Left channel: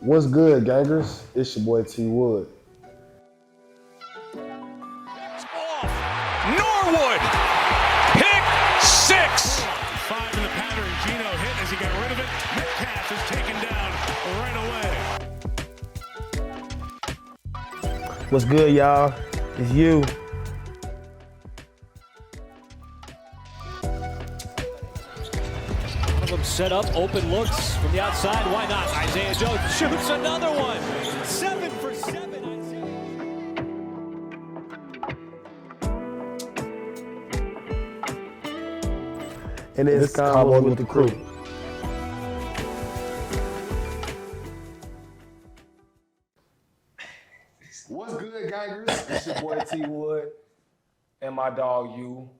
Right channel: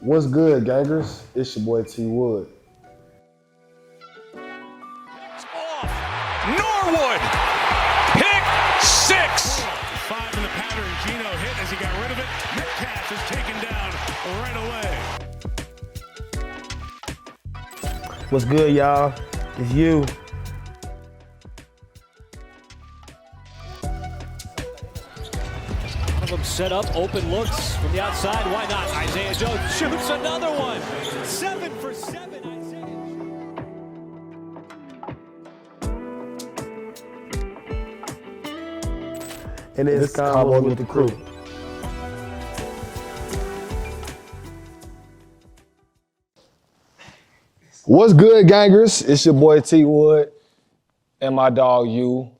What's good, gangers? It's your boy T Wood. Off. Norwood. Pick six. 5 in the pattern. Gino hit as he got rid of it. Metcalf is taken down right away. What's good, y'all? It's you. One of them set up, open looks from the outside. Why not? Isaiah Jones shoots another one. 7 for 7, Isaiah. And it's Convo with the crew. What's good, gangers? It's your boy T Wood and my dog you.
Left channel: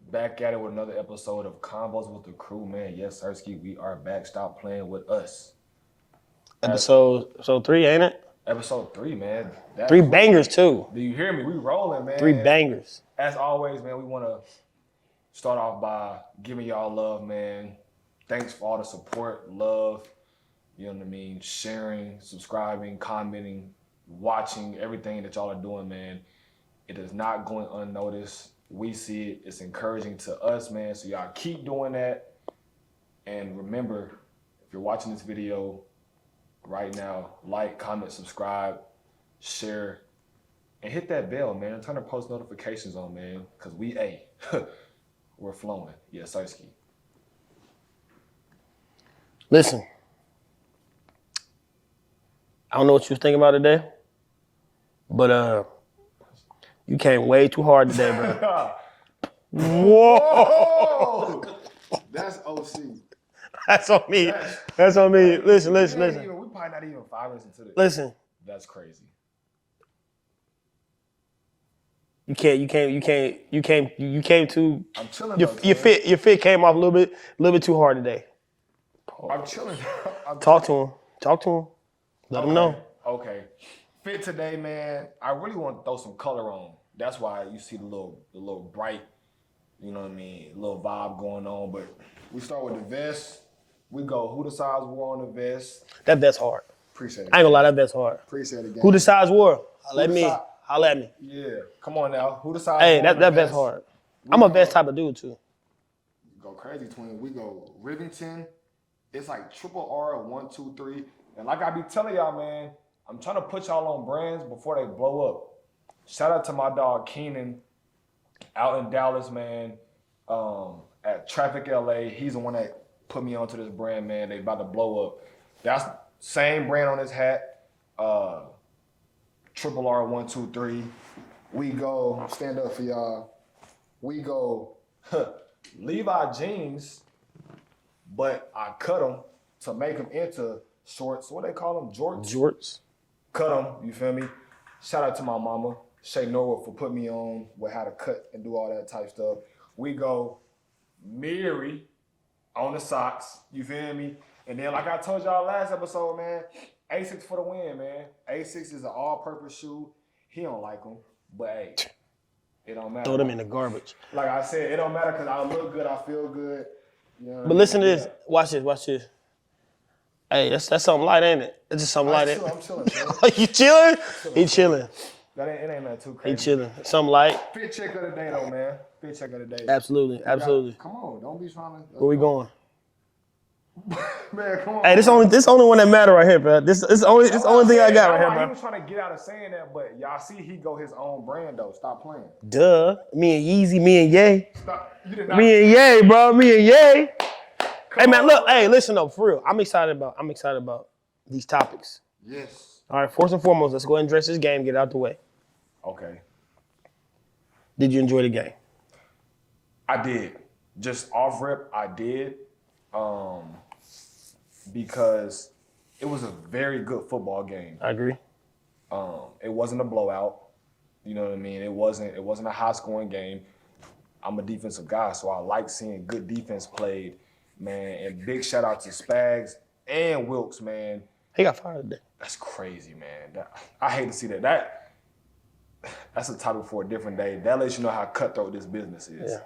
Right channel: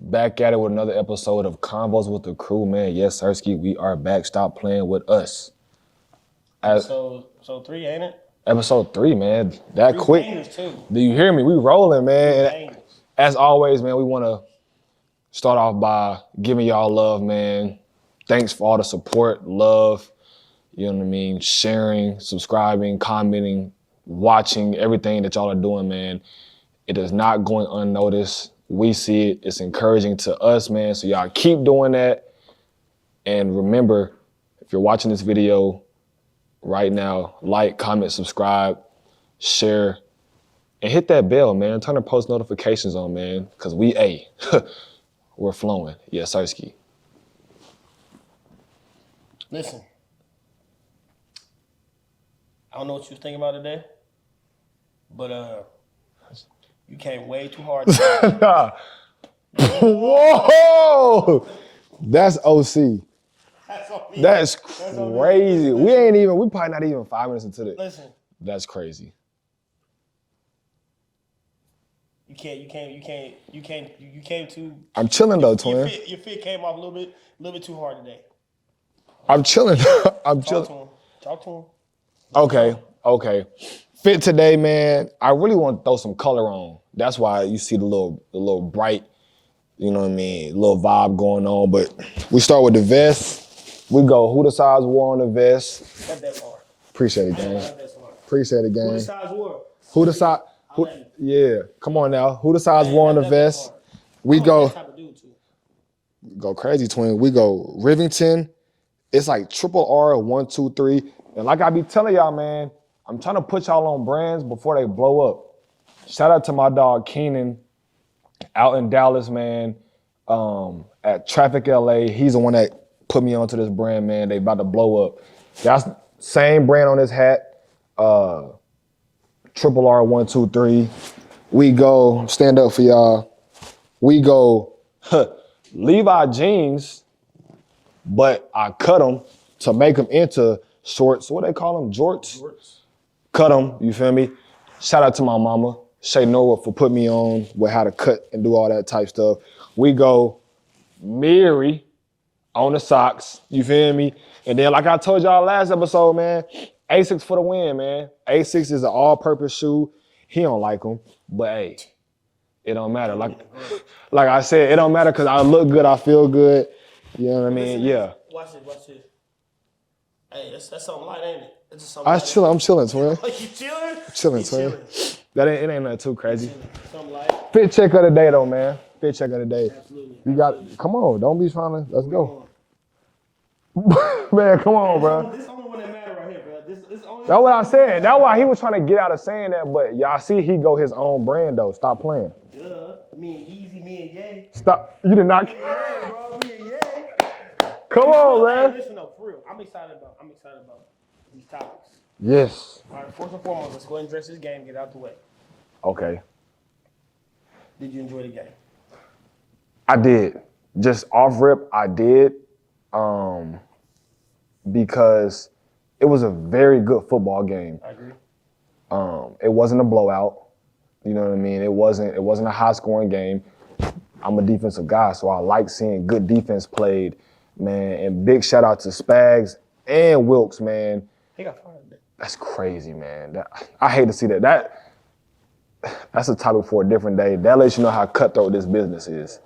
Back at it with another episode of Convos with the Crew, man. Yes, Sirski, we are back. Stop playing with us. So 3, ain't it? Episode 3, man. That 3 quick. bangers, too. Do you hear me? We rolling, man. 3 bangers. As always, man, we want to start off by giving y'all love, man. Thanks for all the support, love, you know what I mean, sharing, subscribing, commenting, watching, everything that y'all are doing, man. It is not going unnoticed. We see it. It's encouraging to us, man. So y'all keep doing that. And remember, if you're watching this video right now, like, comment, subscribe, share, and hit that bell, man. Turn the post notifications on, man, because we're flowing. Yeah, Sirski. Listen, I don't know what you was thinking about today, but you came way too hard today. Whoa! That's OC. That's on me. That's on me. crazy. Listen. We probably not even 5 minutes into this. Listen, That's crazy. you came too. I'm chilling though, twin. Your fit came off a little bit too hard today. I'm chilling. Talk to him. Let him know. Okay. Fit today, man. I really want to throw some color on. That's why you see the little bright, you know what I mean, little vibe going on. But we start with the vest. We go, who the size war on the vest? That vest hard. Appreciate it, I ain't gonna lie, gang. that vest hard. Appreciate it, gang. Who the size war? Holla at me. Yeah, come on now. Who the size Hey, war on the that vest? hard. We I'm a go, vest type of dude too. go crazy, twin. We go Rivington. It's like triple R, 1, 2, 3. And like I be telling y'all, man, I'm trying to put y'all on brands before they blow up. Shout out to my dog Keenan out in Dallas, man, at Traffic LA. He's the one that put me onto this brand, man. They about to blow up. That's same brand on his hat. Triple R, 1, 2, 3. We go, stand up for y'all. We go Levi jeans, but I cut them to make them into shorts. What they call them? Jorts? Jorts. Cut them, you feel me? Shout out to my mama, Shay Norwood, for putting me on with how to cut and do all that type stuff. We go Mary on the socks, you feel me? And then like I told y'all last episode, man, Asics for the win, man. Asics is an all-purpose shoe. He don't like them, but hey, it don't matter. Throw them in the garbage. Like I said, it don't matter because I look good, I feel good. You know what I But mean? listen to this. Watch this. Hey, that's something light, ain't it? It's just something light. I'm chilling, man. You chilling? Chilling, He son. chilling. It ain't nothing too He crazy. chilling. Something light. Fit check of the day though, man. Fit check of the day. Absolutely. Come on, don't be trying to. Let's Where we go. going? Man, come on, Hey, bro. this only one that matter right here, bro. This is the only thing I got. That's right why here, he was trying to get out of saying that, but y'all see he go his own brand though. Stop playing. Duh. Me and Yeezy, me and Ye. Stop. You did not. Me and Ye, bro. Me and Ye. Come Hey man, on, look. man. Hey, listen though, for real. I'm excited about these topics. Yes. All right. First and foremost, let's go ahead and address this game. Get it out the way. Okay. Did you enjoy the game? I did. Just off rip, I did. Because it was a very good football game. I agree. It wasn't a blowout. You know what I mean? It wasn't a high scoring game. I'm a defensive guy, so I like seeing good defense played, man. And big shout out to Spags and Wilkes, man. He got fired today. That's crazy, man. I hate to see that. That's a topic for a different day. That lets you know how cutthroat this business is. Yeah.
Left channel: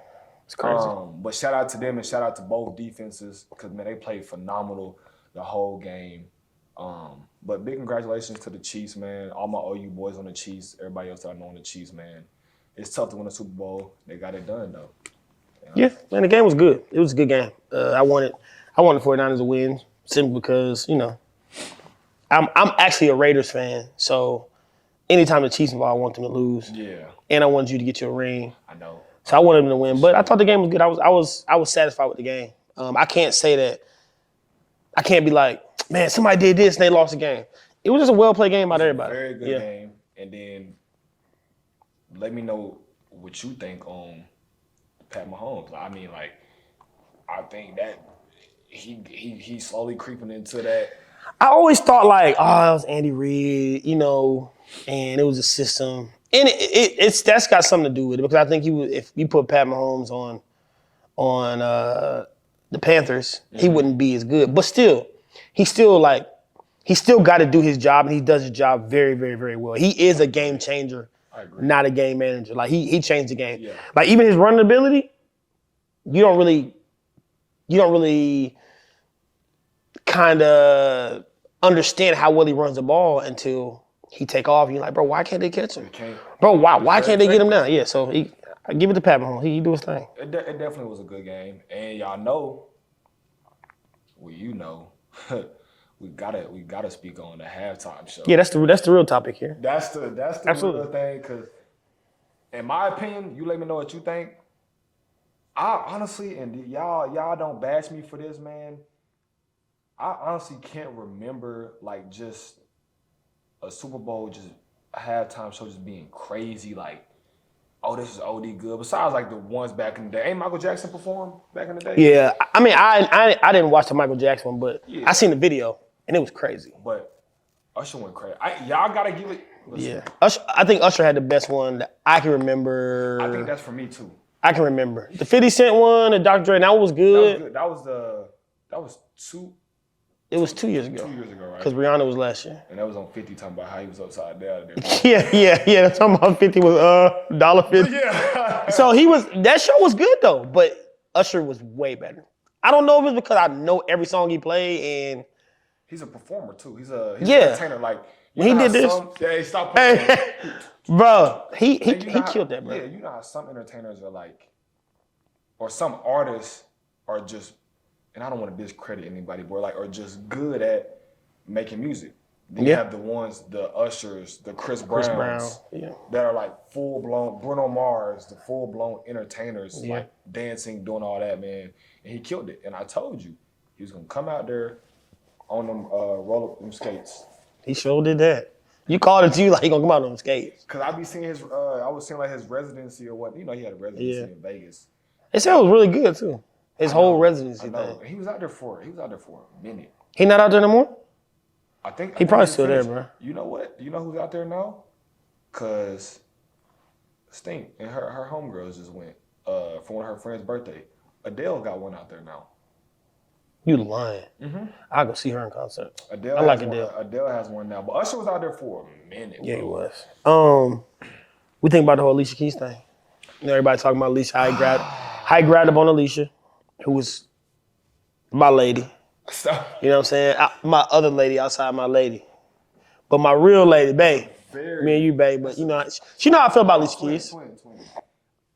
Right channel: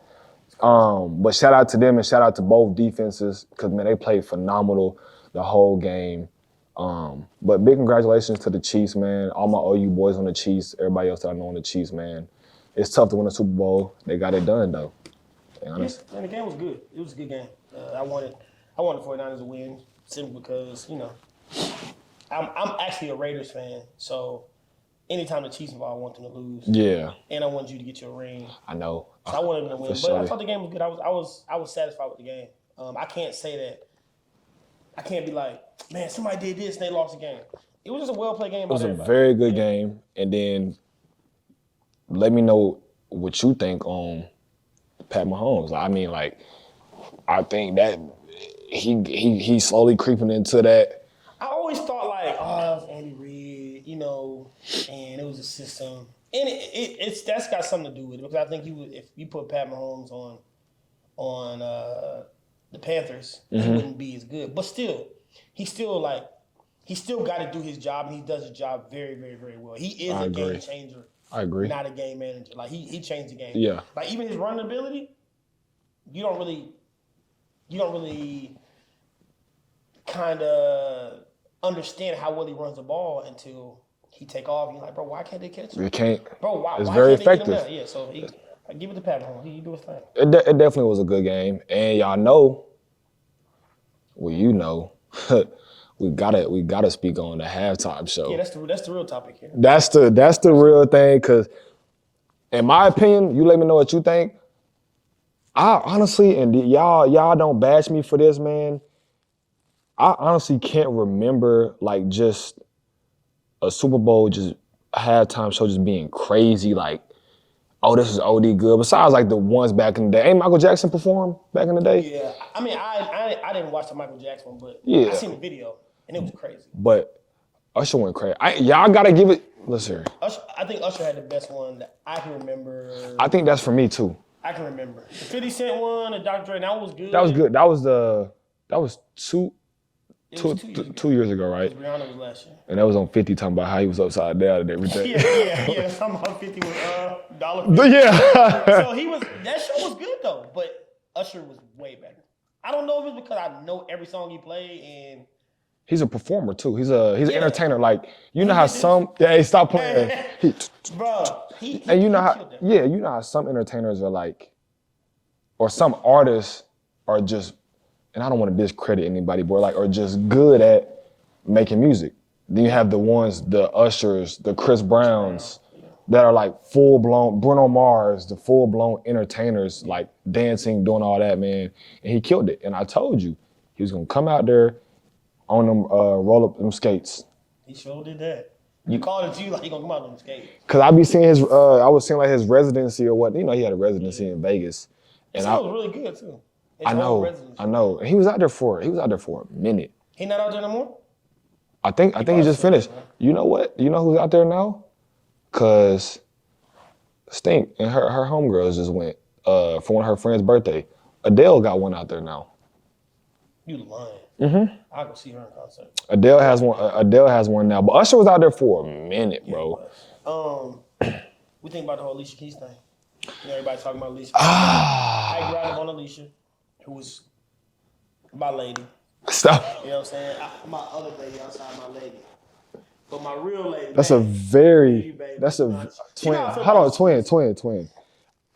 It's crazy. But shout out to them and shout out to both defenses because, man, they played phenomenal the whole game. But big congratulations to the Chiefs, man. All my OU boys on the Chiefs, everybody else that I know on the Chiefs, man. It's tough to win a Super Bowl. They got it done, though. Yes, man, the game was good. It was a good game. I wanted the 49ers to win simply because, I'm actually a Raiders fan, so anytime the Chiefs involved, I want them to lose. Yeah. And I wanted you to get your ring. I know. So I wanted them to win. For But I sure. thought the game was good. I was satisfied with the game. I can't say that. I can't be like, man, somebody did this and they lost the game. It was just a well-played game by It was everybody. a very good game. And then let me know what you think on Pat Mahomes. I mean, like, I think that he's slowly creeping into that. I always thought like, oh, it was Andy Reid, and it was a system. And that's got something to do with it because I think if you put Pat Mahomes on the Panthers, he wouldn't be as good. But still, he still got to do his job, and he does his job very, very, very well. He is a game changer. I agree. Not a game manager. Like he changed the game. Yeah. Like even his running ability, you don't really kind of understand how well he runs the ball until he take off. And you're like, bro, why can't they catch him? You can't. Bro, why very can't they get him effective. down? Yeah, so I give it to Pat Mahomes. He do his thing. It definitely was a good game. And y'all know, we gotta speak on the halftime show. Yeah, that's the real topic here. That's the real thing, because in my opinion, you let me know what you think. I honestly, and y'all don't bash me for this, man. I honestly can't remember like just a Super Bowl just halftime show just being crazy, like, oh, this is OD good. Besides like the ones back in the day. Ain't Michael Jackson perform back in the day? Yeah, I mean, I didn't watch the Michael Jackson one, but Yeah. I seen the video, and it was crazy. But Usher went crazy. Y'all gotta give it, listen. I think Usher had the best one that I can remember. I think that's for me too. I can remember. The 50 Cent one, the Dr. Dre, that one was good. That was good. That was 2 It was 2 years ago. 2 years ago, right? Because Rihanna was last year. And that was on 50 talking about how he was upside down and everything. Yeah. Talking about 50 was $1.50. But yeah. So that show was good though, but Usher was way better. I don't know if it's because I know every song he played and He's a performer too. He's an Yeah. entertainer. Like, you He know how did this. some, hey, stop playing. bro, he And you know how, killed that, bro. yeah, you know how some entertainers are like, or some artists are just, and I don't want to discredit anybody, but like, are just good at making music. Then you have the ones, the Ushers, the Chris Browns, that are like full-blown, Bruno Mars, the full-blown entertainers, like dancing, doing all that, man. And he killed it. And I told you, he was going to come out there on them, roll up them skates. He sure did that. You called it to you like he gonna come out on skates. Cause I be seeing I was seeing like his residency or what, he had a residency in Vegas. It sounds really good too. His whole residency. I know. And he was out there for a minute. He not out there no more? I think he probably just still there, finished. bro. You know what? You know who's out there now? Cause Stink and her homegirls just went for one of her friend's birthday. Adele got one out there now. You lying. I'll go see her in concert. Adele I has like one. Adele. Adele has one now. But Usher was out there for a minute, Yeah, bro. he was. We think about the whole Alicia Keys thing. Everybody talking about Alicia. How he grabbed up on Alicia, who was my lady. Stop. You know what I'm saying? My other lady outside my lady. But my real lady, That's babe. a very. Me and you, babe. That's You a. know, she know how I feel about Alicia twin, Keys. twin.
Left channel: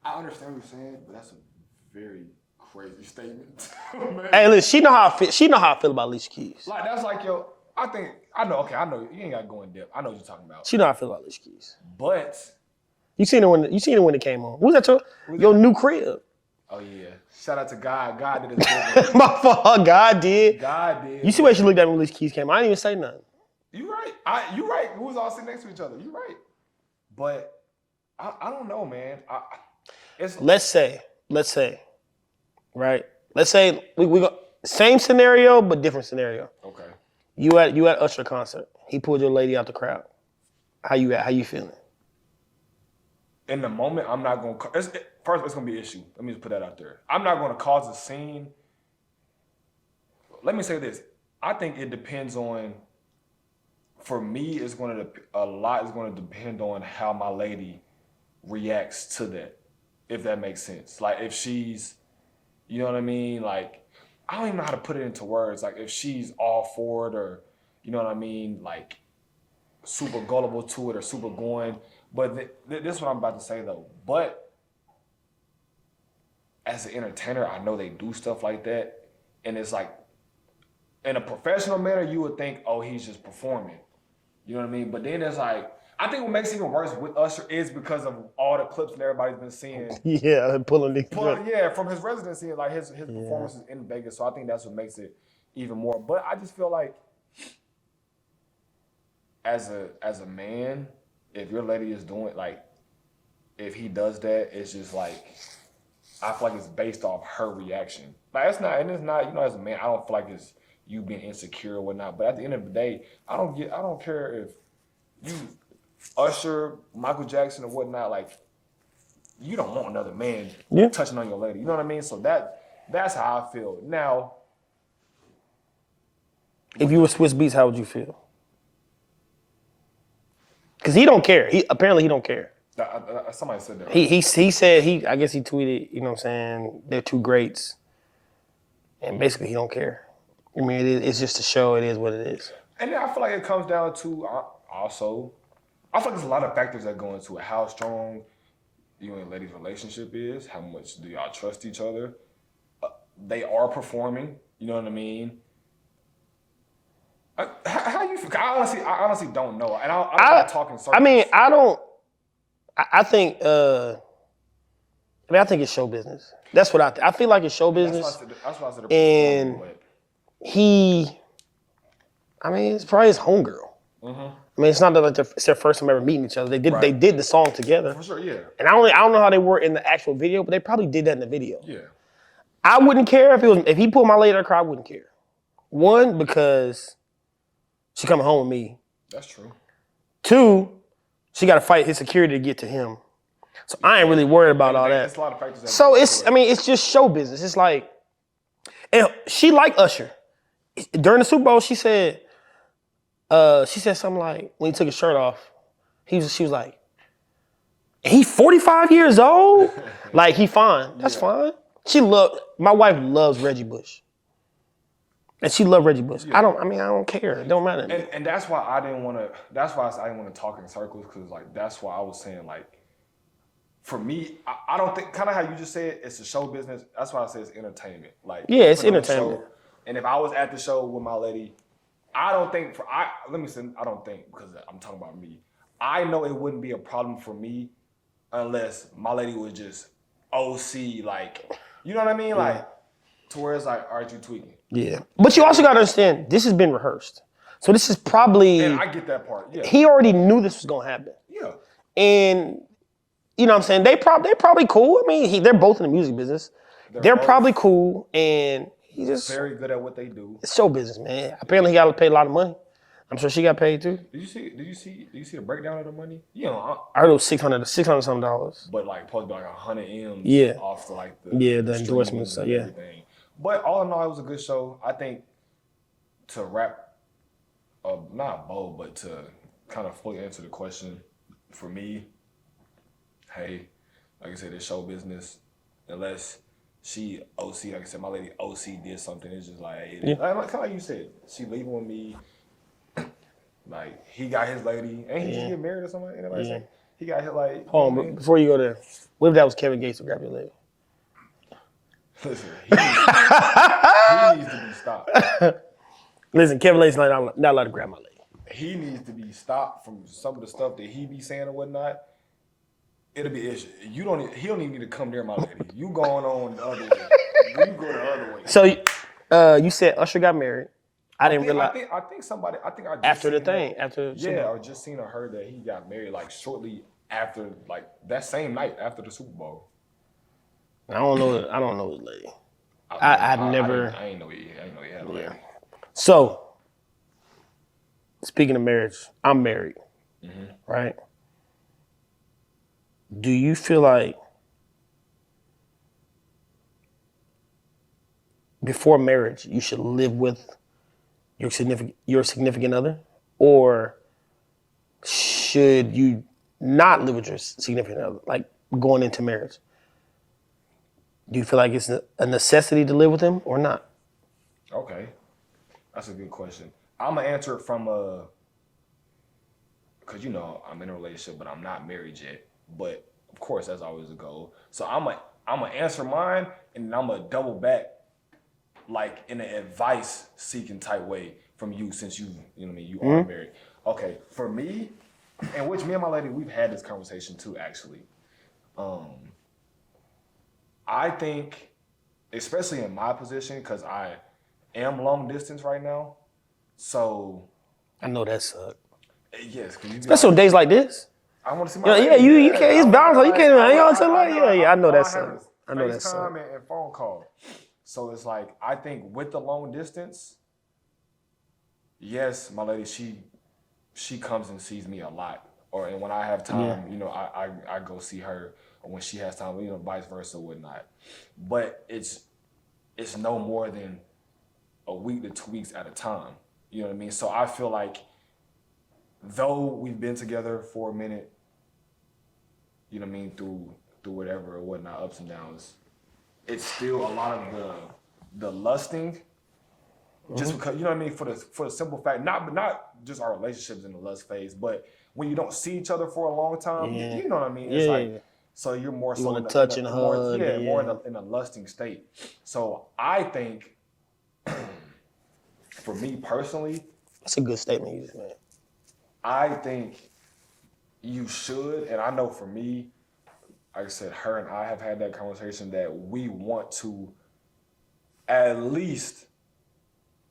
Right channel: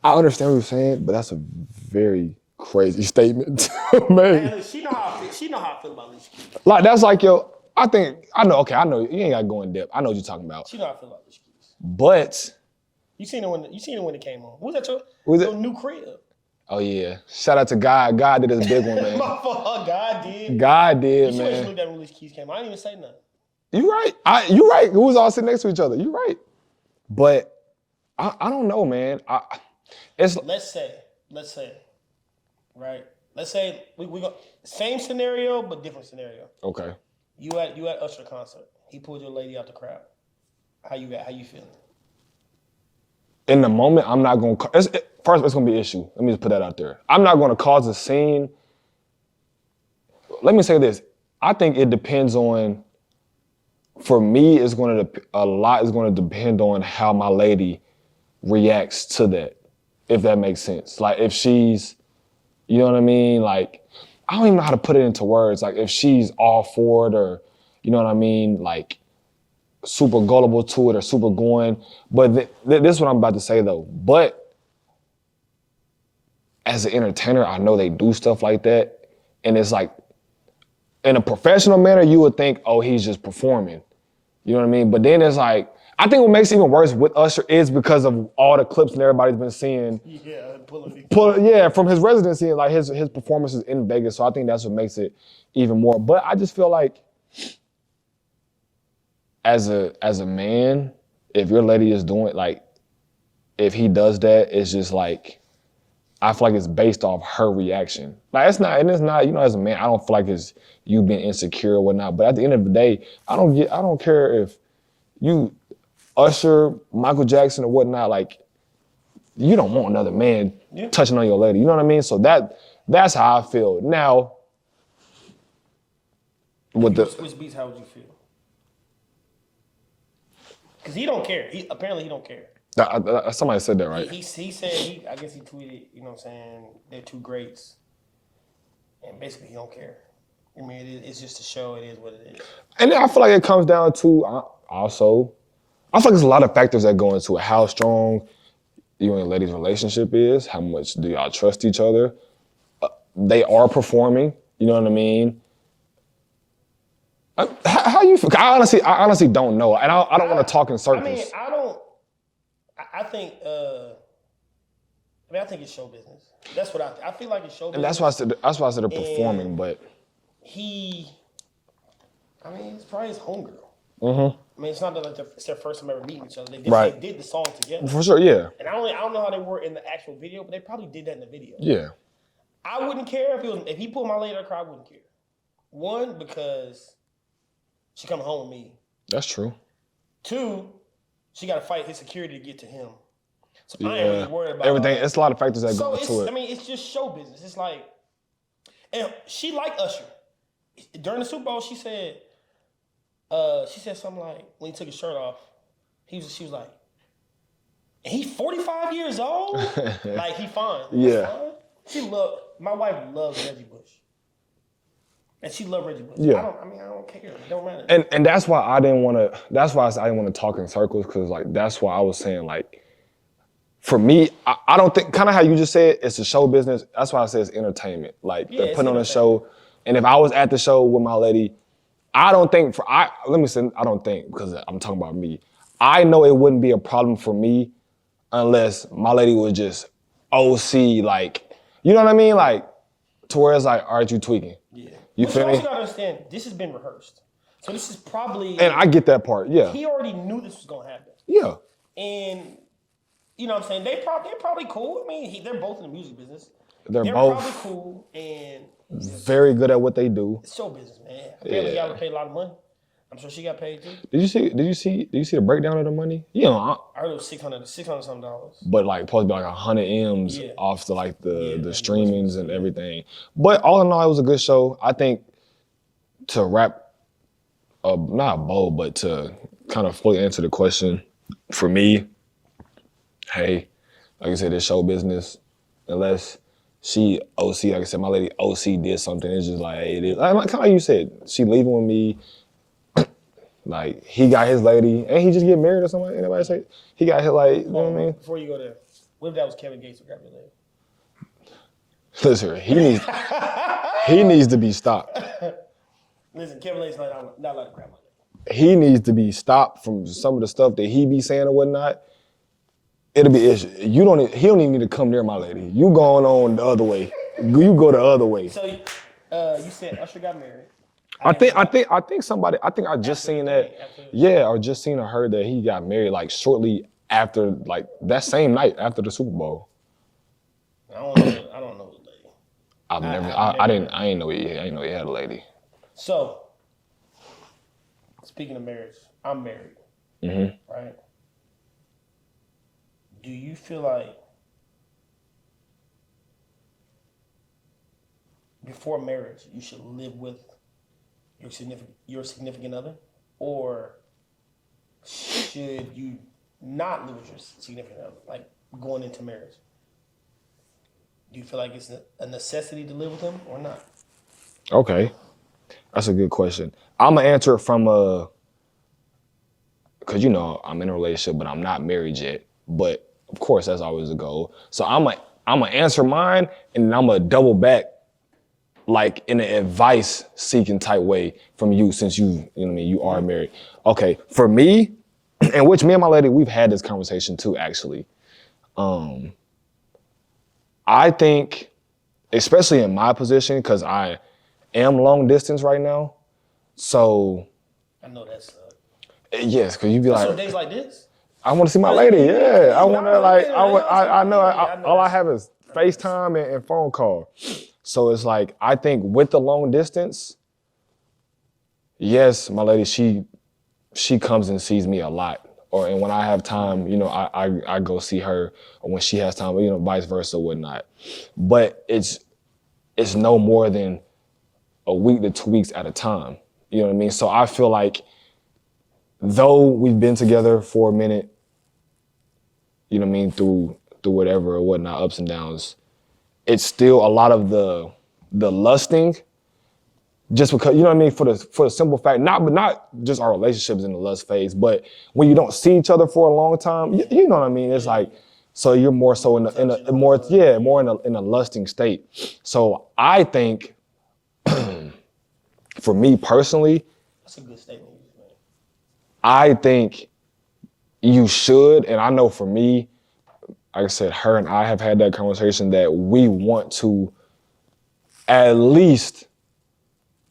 I understand what you're saying, but that's a very crazy statement, man. Hey, listen, she know how I feel about Alicia Keys. Like, that's like, yo, I know, you ain't gotta go in depth. I know what you're talking about. She know how I feel about Alicia Keys. But, You seen it when it came on. What was that your new crib? oh yeah, shout out to God. God did his big one, man. My fault, God did. God did. You see man. where she looked at when Alicia Keys came on? I didn't even say nothing. You right. You right. We was all sitting next to each other. You right. But, I don't know, man. Let's say, right? Let's say we go same scenario but different scenario. Okay. You at Usher concert. He pulled your lady out the crowd. How you feeling? In the moment, I'm not going to... First, it's going to be an issue. Let me just put that out there. I'm not going to cause a scene. Let me say this. I think it depends on... For me, a lot is going to depend on how my lady reacts to that, if that makes sense. Like, if she's... You know what I mean? Like, I don't even know how to put it into words. Like, if she's all for it or... you know what I mean, like super gullible to it or super going. But this is what I'm about to say though. But as an entertainer, I know they do stuff like that. And it's like, in a professional manner, you would think, oh, he's just performing. You know what I mean? But then it's like, I think what makes it even worse with Usher is because of all the clips and everybody's been seeing. Yeah, From his residency and like his performances in Vegas. So I think that's what makes it even more. But I just feel like as a man, if your lady is doing like, if he does that, it's just like, I feel like it's based off her reaction. Like it's not, you know, as a man, I don't feel like it's you being insecure or whatnot. But at the end of the day, I don't care if you Usher, Michael Jackson or whatnot, like you don't want another man touching on your lady. You know what I mean? So that's how I feel. Now, if you were Swiss Beats, how would you feel? Because he don't care. Apparently he don't care. Somebody said that, right? He said, I guess he tweeted, you know what I'm saying, they're two greats. And basically he don't care. I mean, it's just a show. It is what it is. And then I feel like it comes down to also, I feel like there's a lot of factors that go into it. How strong you and your lady's relationship is. How much do y'all trust each other? They are performing. You know what I mean? How you feel? I honestly don't know. And I don't want to talk in circles. I mean, I think it's show business. That's what I feel like it's show business. That's why I said they're performing, but it's probably his homegirl. Mm-hmm. I mean, it's not that like it's their first time ever meeting each other. They did the song together. For sure, yeah. And I don't know how they were in the actual video, but they probably did that in the video. Yeah. I wouldn't care if he pulled my lady in the car, I wouldn't care. One, because she coming home with me. That's true. Two, she got to fight his security to get to him. So I ain't really worried about all that. It's a lot of factors that So it's just show business. It's like, and she liked Usher. During the Super Bowl, she said something like, when he took his shirt off, she was like, he's 45 years old? Like, he fine. That's fine. My wife loves Reggie Bush. And she loved Reggie Bush. Yeah. I don't care. It don't matter. And that's why I didn't want to talk in circles, because like that's why I was saying, like, for me, I don't think, kind of how you just said, it's a show business. That's why I said it's entertainment. Like, it's put on a show. And if I was at the show with my lady, I don't think, because I'm talking about me. I know it wouldn't be a problem for me unless my lady was just OC, like, you know what I mean? Like, to where it's like, aren't you tweaking? Yeah. But you also got to understand, this has been rehearsed. So this is probably... And I get that part, yeah. He already knew this was going to happen. Yeah. And, you know what I'm saying, they're probably cool. I mean, they're both in the music business. They're probably cool, and he's just... very good at what they do. It's show business, man. Apparently he got to pay a lot of money. I'm sure she got paid too. Did you see the breakdown of the money? You know, I heard it was $600 something dollars. But like supposed to be like 100 M's off the streamings and everything. But all in all, it was a good show. I think to wrap not a bow, but to kind of fully answer the question, for me, hey, like I said, it's show business. Unless she OC, like I said, my lady OC did something, it's just like, hey, it is. Like kind of like you said, she leaving with me. Like, he got his lady, and he just get married or something. Anybody say? He got his, like, you know what I mean? Before you go there, what if that was Kevin Gates to grab your leg? Listen, he needs to be stopped. Listen, Kevin Gates not allowed to grab my leg. He needs to be stopped from some of the stuff that he be saying or whatnot. It'll be issue. He don't even need to come near my lady. You going on the other way. You go the other way. So, you said Usher got married. I just seen that. Or just seen or heard that he got married like shortly after, like that same night after the Super Bowl. I don't know his lady. I didn't know he had a lady. So, speaking of marriage, I'm married, right? Do you feel like before marriage you should live with your significant other, or should you not live with your significant other, like going into marriage? Do you feel like it's a necessity to live with them or not? Okay. That's a good question. I'm gonna answer it from because I'm in a relationship, but I'm not married yet. But of course, that's always a goal. So I'm gonna answer mine, and then I'm gonna double back, like in an advice-seeking type way from you, since you are married. Okay, for me, and which me and my lady, we've had this conversation too, actually. I think, especially in my position, because I am long distance right now, so. I know that sucks. Yes, because you be That's like, on days like this. I want to see my Yeah, lady. you can't- it's I wanna, bound, you like, can't- I, you know what I'm I saying? know. Yeah, I know all that I have is I know that FaceTime and phone call. So it's like, I think with the long distance, yes, my lady, she comes and sees me a lot. And when I have time, I go see her, or when she has time, vice versa, whatnot. But it's no more than a week to 2 weeks at a time. You know what I mean? So I feel like, though we've been together for a minute, you know what I mean, through whatever or whatnot, ups and downs, it's still a lot of the lusting, just because, you know what I mean, for the simple fact, not just our relationships in the lust phase, but when you don't see each other for a long time, you know what I mean? It's like, so you're more so in a lusting state. So I think, for me personally, That's a good statement you just made. I think you should, and I know for me, like I said, her and I have had that conversation that we want to at least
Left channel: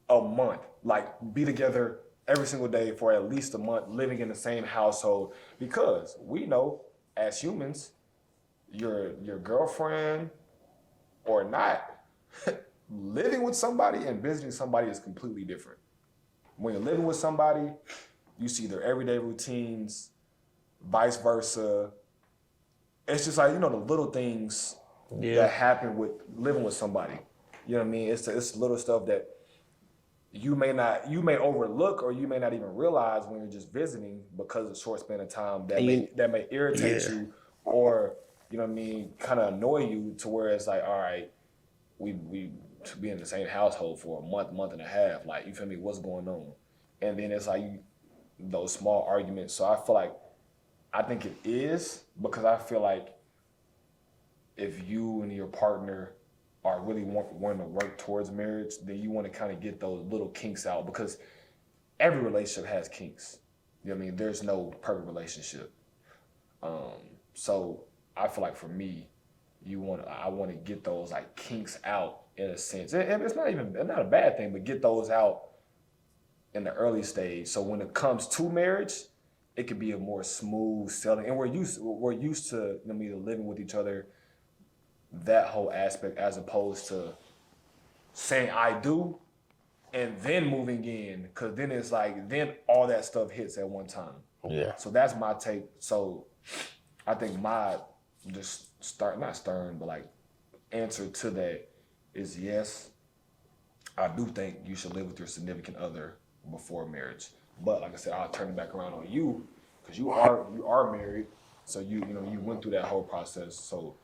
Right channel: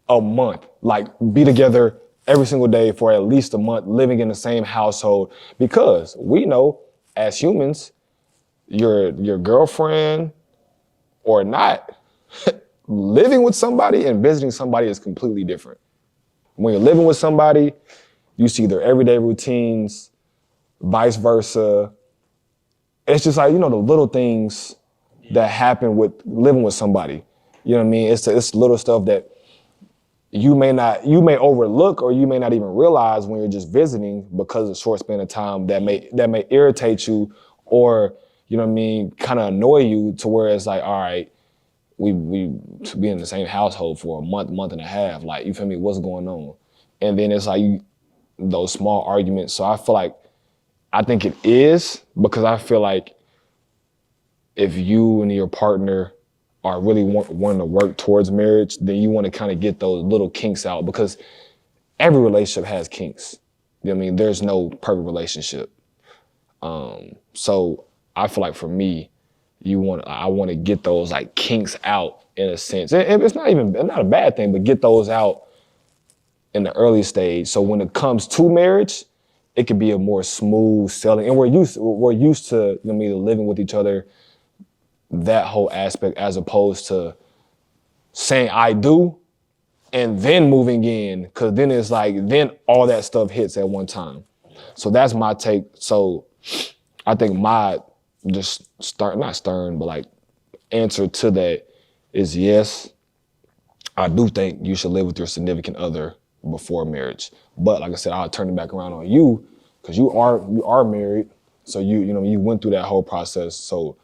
a month, like be together every single day for at least a month, living in the same household, because we know as humans, your girlfriend or not, living with somebody and visiting somebody is completely different. When you're living with somebody, you see their everyday routines, vice versa. It's just like, the little things that happen with living with somebody. You know what I mean? It's little stuff that you may overlook, or you may not even realize when you're just visiting, because of the short span of time that may irritate you, or, you know what I mean, kind of annoy you, to where it's like, all right, we be in the same household for a month and a half. Like, you feel me? What's going on? And then it's like those small arguments. So I think it is, because I feel like if you and your partner are really wanting to work towards marriage, then you want to kind of get those little kinks out, because every relationship has kinks. You know what I mean? There's no perfect relationship. So I feel like for me, I want to get those like kinks out in a sense. And it's not a bad thing, but get those out in the early stage. So when it comes to marriage, it could be a more smooth sailing. And we're used to, you know what I mean, living with each other, that whole aspect, as opposed to saying I do and then moving in, because then it's like, then all that stuff hits at one time. Yeah. So that's my take. So I think my not stern, but like answer to that is yes. I do think you should live with your significant other before marriage. But like I said, I'll turn it back around on you, because you are married. So you went through that whole process. So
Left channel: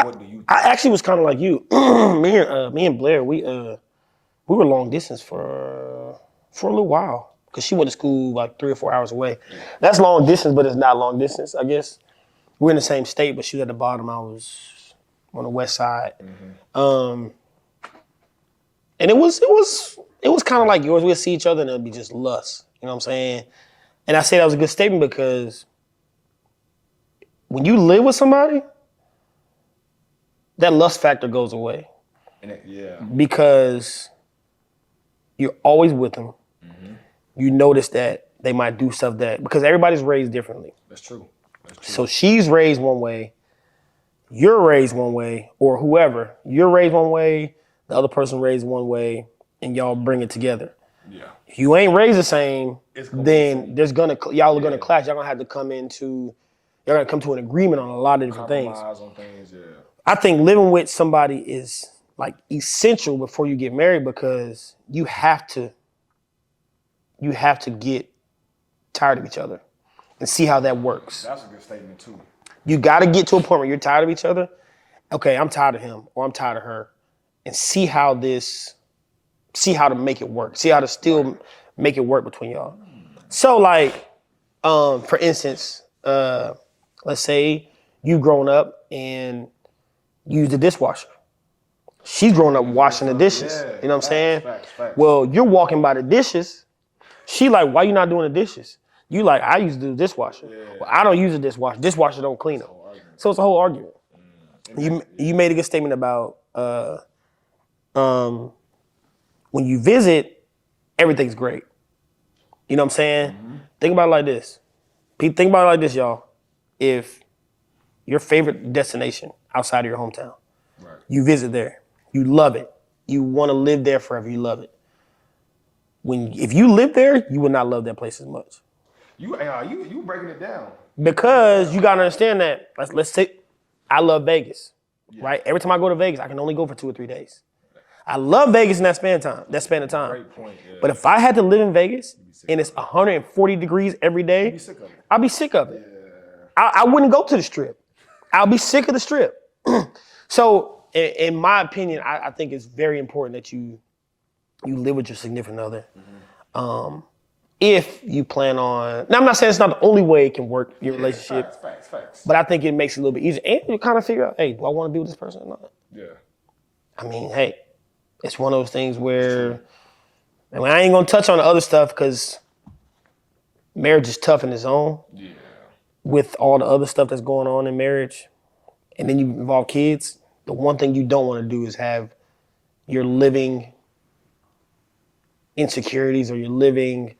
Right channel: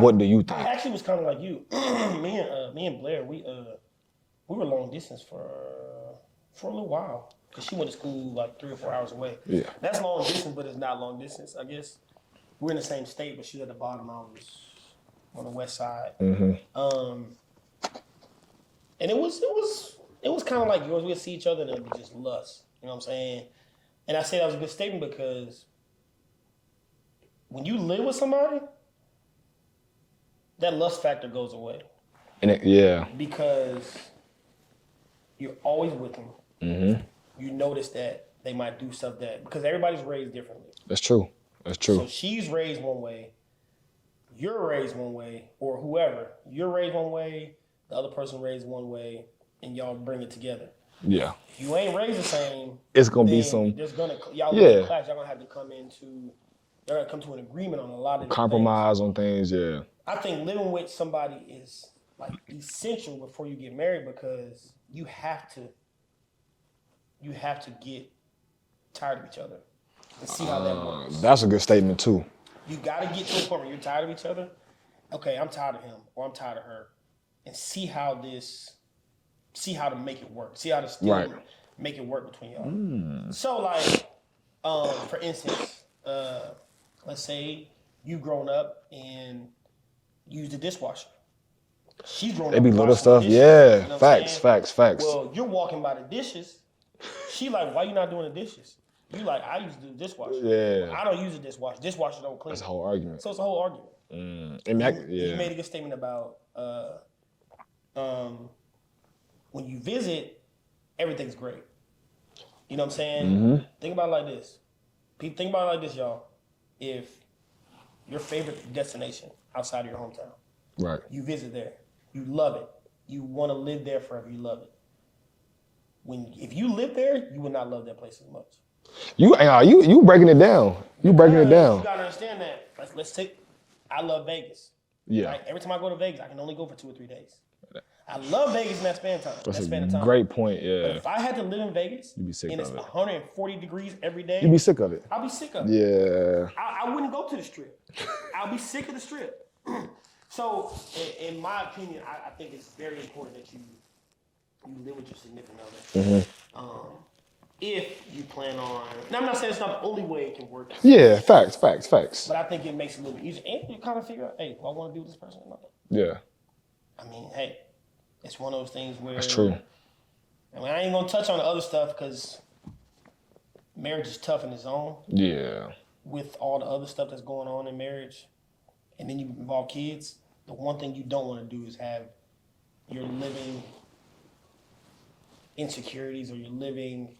what do you think? I actually was kind of like you. me and Blair, we were long distance for a little while, because she went to school like 3 or 4 hours away. Yeah. That's long distance, but it's not long distance, I guess. We're in the same state, but she was at the bottom. I was on the west side. Mm-hmm. And it was kind of like yours. We'd see each other and it'd be just lust. You know what I'm saying? And I say that was a good statement, because when you live with somebody, that lust factor goes away. Because you're always with them. Mm-hmm. You notice that they might do stuff because everybody's raised differently. That's true. So she's raised one way, you're raised one way, or whoever. You're raised one way, the other person raised one way, and y'all bring it together. Yeah. If you ain't raised the same, it's gonna be some. There's gonna y'all are gonna clash. Y'all gonna have to you're gonna come to an agreement on a lot of different compromise on things. Yeah. I think living with somebody is like essential before you get married, because you have to get tired of each other and see how that works. That's a good statement too. You got to get to a point where you're tired of each other. Okay, I'm tired of him, or I'm tired of her, and see how this see how to make it work. See how to still Right. make it work between y'all. So like, for instance, let's say you grown up and use the dishwasher. She's grown up Maybe washing the little stuff, dishes. yeah. You know what I'm saying? Facts. Well, you're walking by the dishes. She like, why you not doing the dishes? You like, I used to do the dishwasher. Yeah. Well, I don't use a dishwasher. Dishwasher don't clean It's a it. whole argument. So it's a whole argument. And You made a good statement about when you visit, everything's great. You know what I'm saying? Think about it like this. Think about it like this, y'all. If your favorite destination outside of your hometown, Right. you visit there, you love it, you want to live there forever, you love it. If you live there, you would not love that place as much. You breaking it down. Because you gotta understand that. Let's say I love Vegas. Yeah. Right? Every time I go to Vegas, I can only go for 2 or 3 days. I love Vegas in that span of time. That span of time. Great point, yeah. But if I had to live in Vegas be sick and of it's it. 140 degrees every day, You'd be sick of it. I'll be sick of it. Yeah. I wouldn't go to the strip. I'll be sick of the strip. So, in my opinion, I think it's very important that you live with your significant other. If you plan on, now I'm not saying it's not the only way it can work. Yeah, facts. But I think it makes it a little bit easier. And you kind of figure out, hey, do I want to be with this person or not? Yeah. I mean, hey, it's one of those things where true. I mean, I ain't gonna touch on the other stuff because marriage is tough in its own Yeah. with all the other stuff that's going on in marriage. And then you involve kids. The one thing you don't want to do is have your living insecurities or your living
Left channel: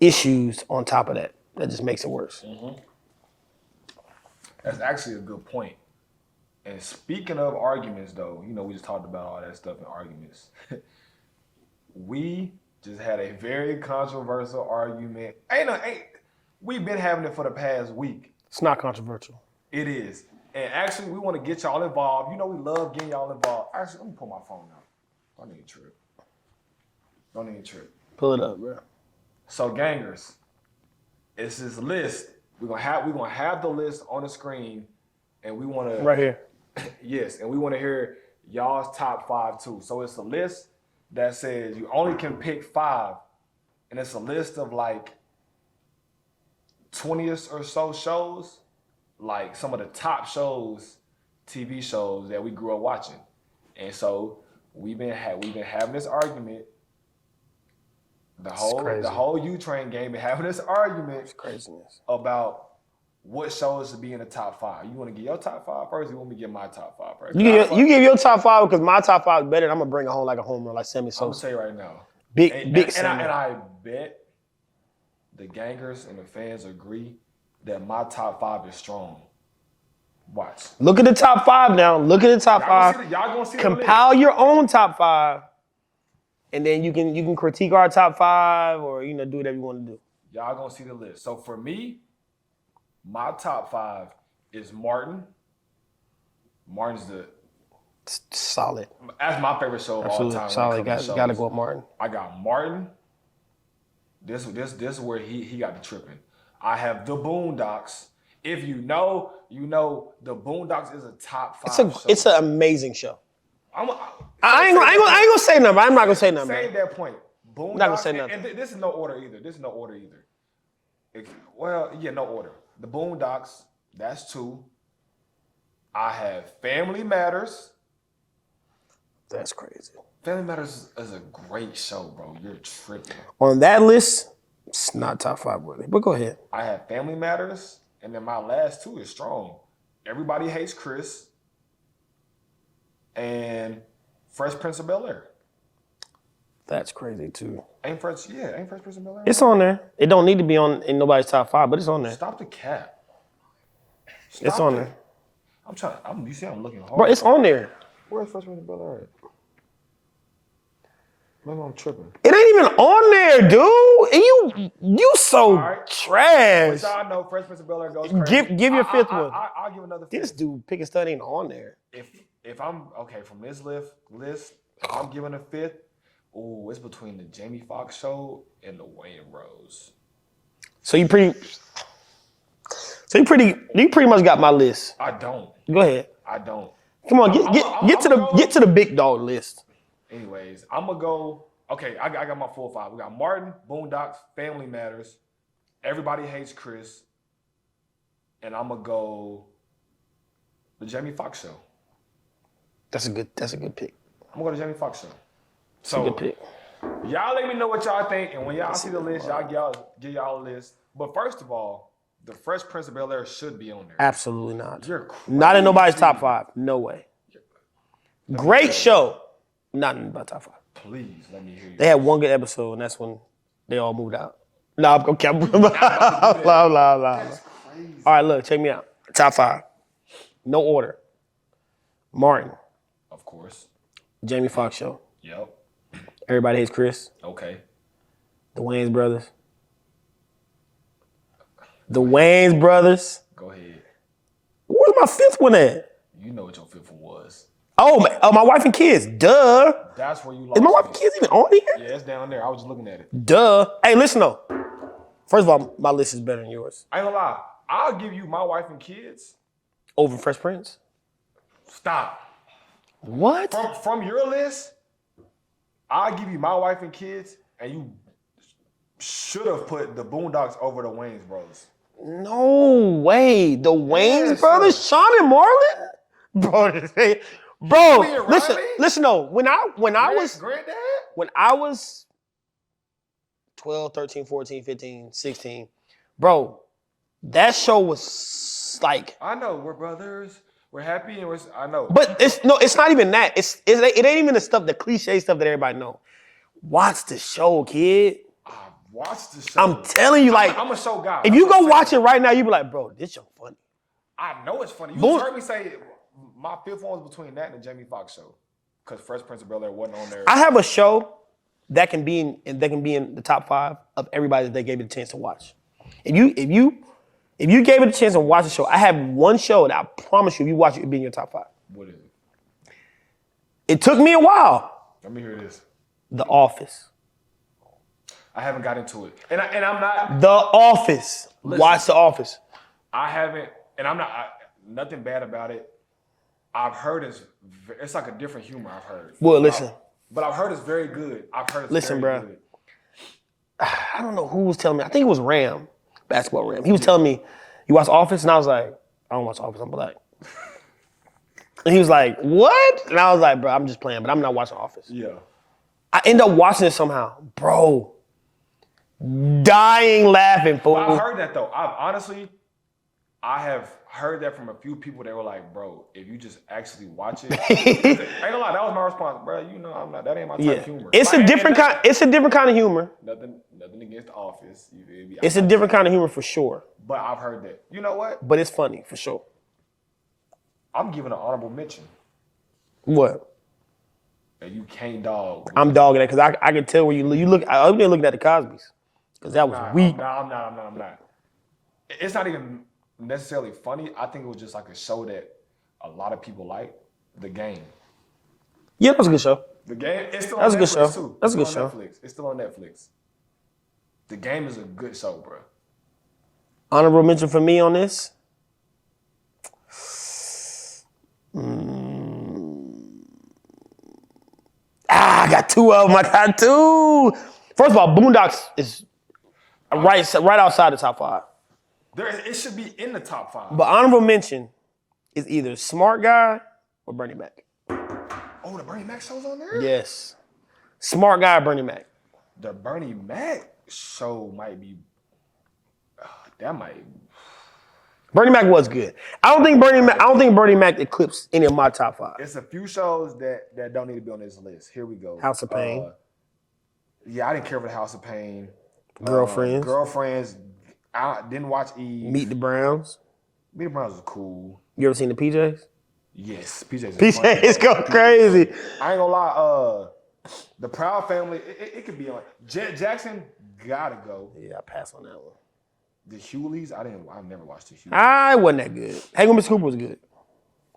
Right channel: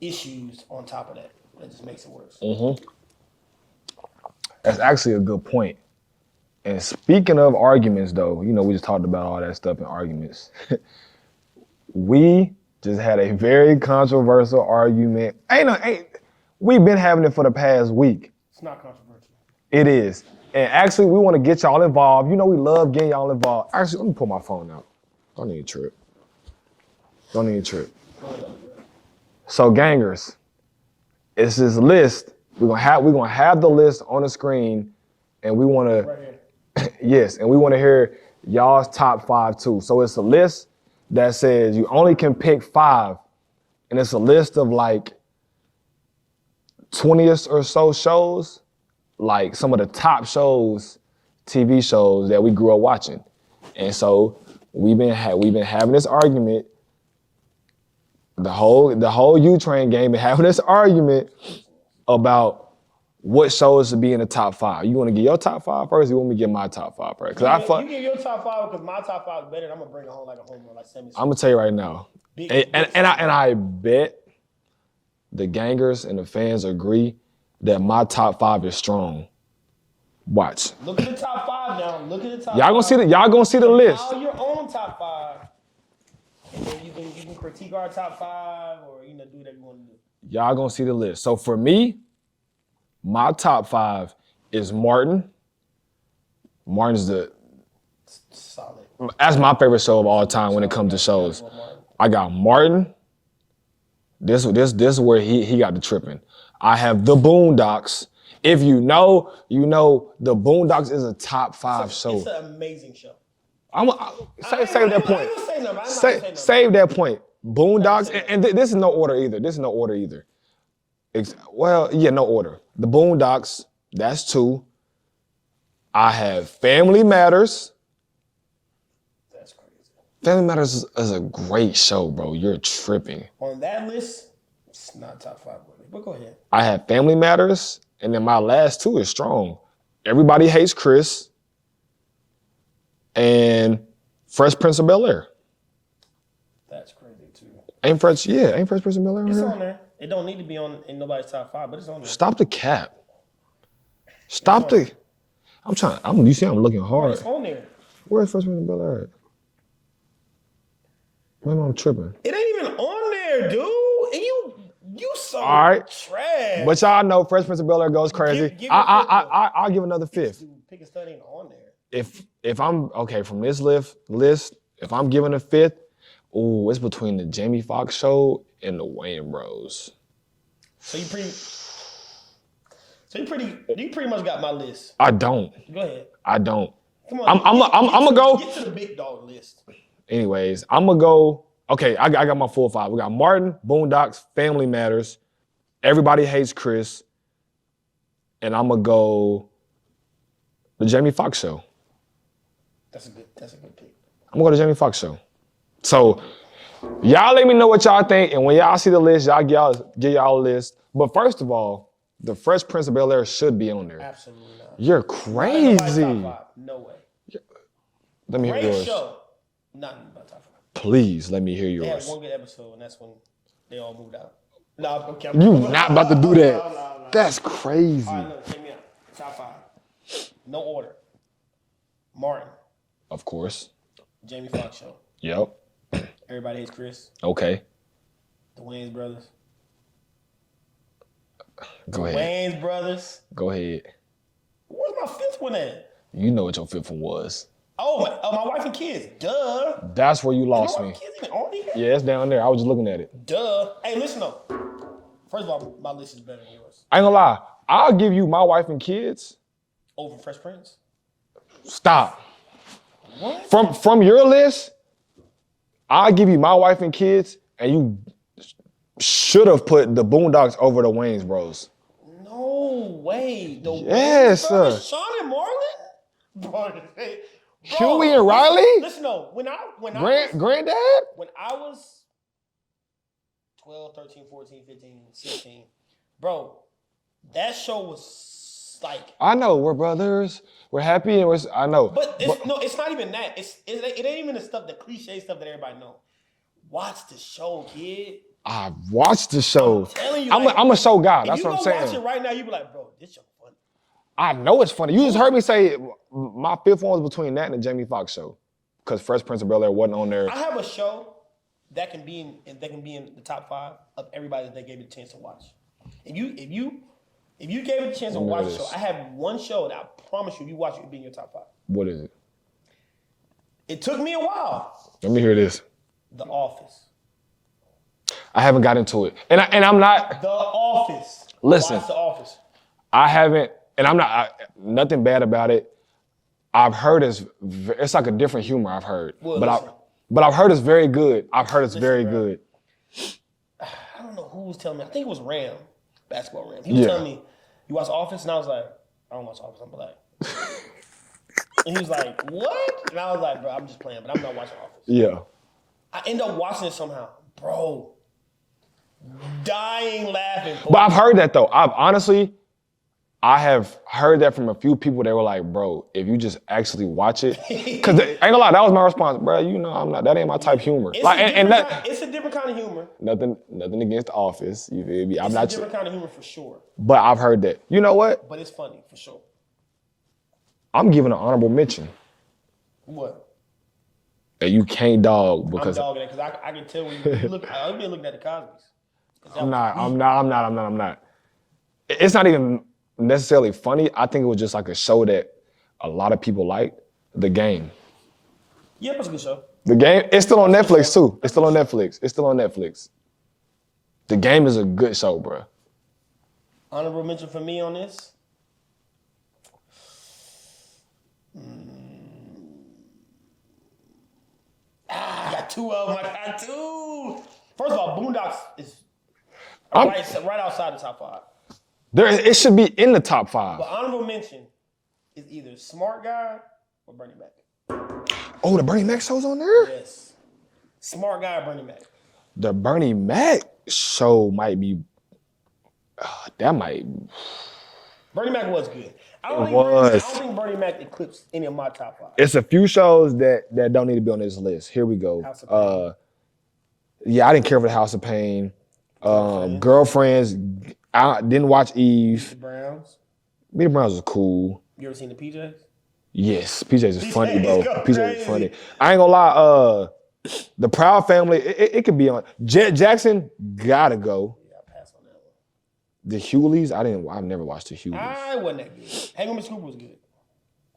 issues on top of that. That just makes it worse. That's actually a good point. And speaking of arguments, though, we just talked about all that stuff in arguments. We just had a very controversial argument. We've been having it for the past week. It's not controversial. It is. And actually, we want to get y'all involved. We love getting y'all involved. Actually, let me pull my phone out. Don't need a trip. Pull it up, bro. So, gangers, it's this list. We're gonna have the list on the screen, and we want to Right here. yes, and we want to hear y'all's top 5 too. So it's a list that says you only can pick 5, and it's a list of like 20 or so shows, like some of the top shows, TV shows that we grew up watching. And so we've been having this argument. The whole U-Train game been having this argument about what shows should be in the top 5. You want to get your top 5 first, or you want me to get my top 5 first? You give your top 5 because my top 5 is better, and I'm gonna bring it home like a home run, like Sammy Sosa. I'm gonna tell you right now. Big I bet the gangers and the fans agree that my top 5 is strong. Watch. Look at the top 5 now. Look at the top 5. Y'all gonna see the list. Compile your own top 5, and then you can critique our top 5 or do whatever you want to do. Y'all gonna see the list. So for me, my top 5 is Martin. Martin's Solid. that's my favorite show of all time when it comes to shows. Gotta go with Martin. I got Martin. This is where he got the tripping. I have the Boondocks. If you know, the Boondocks is a top 5 show. It's an amazing show. I ain't gonna say nothing. I'm not gonna say nothing. Save that point. Boondocks, say and this is no order either. No order. The Boondocks, that's 2. I have Family Matters. That's crazy. Family Matters is a great show, bro. You're tripping. On that list, it's not top 5 worthy. But go ahead. I have Family Matters, and then my last 2 is strong. Everybody Hates Chris and Fresh Prince of Bel-Air. That's crazy too. Ain't Fresh Prince of Bel-Air? It's on there. It don't need to be in nobody's top 5, but it's on there. Stop the cap. on there. I'm looking hard. Bro, it's on there. Where's Fresh Prince of Bel-Air at? Maybe I'm tripping. It ain't even on there, dude. And you so All right. trash. But y'all know Fresh Prince of Bel-Air goes crazy. Give your fifth one. I'll give another This 5th. dude pick a stud ain't on there. If I'm okay from this list, if I'm giving a 5th, it's between the Jamie Foxx show and the Wayne Bros. So you pretty much got my list. I don't. Go ahead. I don't. Come on, I'm gonna go. get to the big dog list. Anyways, I'm gonna go Okay, I got my full 5. We got Martin, Boondocks, Family Matters, Everybody Hates Chris, and I'm gonna go the Jamie Foxx Show. That's a good pick. I'm gonna go to Jamie Foxx Show. So y'all let me know what y'all think, and when y'all see the list, y'all give y'all a list. But first of all, the Fresh Prince of Bel-Air should be on there. Absolutely not. You're crazy. Not in nobody's top 5. No way. Let me Great hear yours. show. Not in my top 5. Please let me hear yours. They had one good episode, and that's when they all moved out. No, I'm okay. You not about to do that. Blah. That's crazy. All right, look, check me out. Top 5. No order. Martin, Of course. Jamie Foxx Show. Yep. Everybody Hates Chris. Okay. The Wayans Brothers. The Go ahead. Wayans Brothers. Go ahead. Where's my 5th one at? You know what your 5th one was. Oh, my wife and kids. Duh. That's where you Is lost my wife me. and kids even on here? Yeah, it's down there. I was just looking at it. Duh. Hey, listen though. First of all, my list is better than yours. I ain't gonna lie. I'll give you My Wife and Kids. Over Fresh Prince. Stop. What? From your list, I'll give you My Wife and Kids, and you should have put the Boondocks over the Wayans Bros. No way. The Yes, Wayans Brothers, sir. Sean and Marlon? Bro, Huey and listen, Riley? listen though, when Granddad? I was 12, 13, 14, 15, 16, bro, that show was like, I know, we're brothers. We're happy and I know. but it's not even that. It ain't even the stuff, the cliche stuff that everybody know. Watch the show, kid. I watched the show. I'm telling you, like, I'm a show guy. if That's you what go I'm watch it saying. right now, you be like, bro, this show funny. I know it's funny. You just heard me say my 5th one was between that and the Jamie Foxx Show, because Fresh Prince of Bel-Air wasn't on there. I have a show that can be in the top 5 of everybody that they gave it a chance to watch. If you gave it a chance to watch the show, I have one show that I promise you, if you watch it, it'll be in your top 5. What is it? It took me a while. Let me hear this. The Office. I haven't got into it, and I'm not. The Office. Listen. Watch The Office. I haven't, and I'm not. Nothing bad about it. I've heard it's like a different humor. I've heard. Well, But listen. But I've heard it's very good. I've heard it's Listen, very bro. good. I don't know who was telling me. I think it was Ram, basketball Ram. He was Yeah. telling me, you watch Office? And I was like, I don't watch Office, I'm black. And he was like, what? And I was like, bro, I'm just playing, but I'm not watching Office. Yeah. I end up watching it somehow. Bro, dying laughing. Fool. But I've heard that though. I have heard that from a few people. They were like, bro, if you just actually watch it, because ain't gonna lie, that was my response, bro. You know, I'm not. That ain't my type of humor. It's Like, a and different that- kind. It's a different kind of humor. Nothing against The Office. You feel me? It's a different kind of humor for sure. But I've heard that. You know what? But it's funny for sure. I'm giving an honorable mention What? that you can't dog. I'm because- dogging that because I can tell when you look. I'm looking at the Cosby's because that I'm was not, weak. I'm not. It's not even necessarily funny. I think it was just like a show that a lot of people liked. The Game. Yeah, that was a good show. The Game. It's still on That's a good Netflix show. too. That's It's a still on good show. Netflix. It's still on Netflix. The Game is a good show, bro. Honorable mention for me on this. I got two of them. I got two. First of all, Boondocks is right outside the top 5. It should be in the top 5. But honorable mention is either Smart Guy or Bernie Mac. Oh, the Bernie Mac show's on there? Yes. Smart Guy or Bernie Mac. The Bernie Mac show might be. That might. Bernie Mac was good. I don't think Bernie Mac eclipsed any of my top 5. It's a few shows that don't need to be on this list. Here we go. House of Pain. Yeah, I didn't care for the House of Pain. Girlfriends. Girlfriends. I didn't watch Eve. Meet the Browns. Meet the Browns was cool. You ever seen the PJs? Yes, PJ's PJs funny. bro. go PJs is crazy. funny. I ain't gonna lie. The Proud Family. It could be on. Jet Jackson gotta go. Yeah, I pass on that one. The Hewleys. I've never watched the Hewleys. I wasn't that good. Hanging with Miss Cooper was good.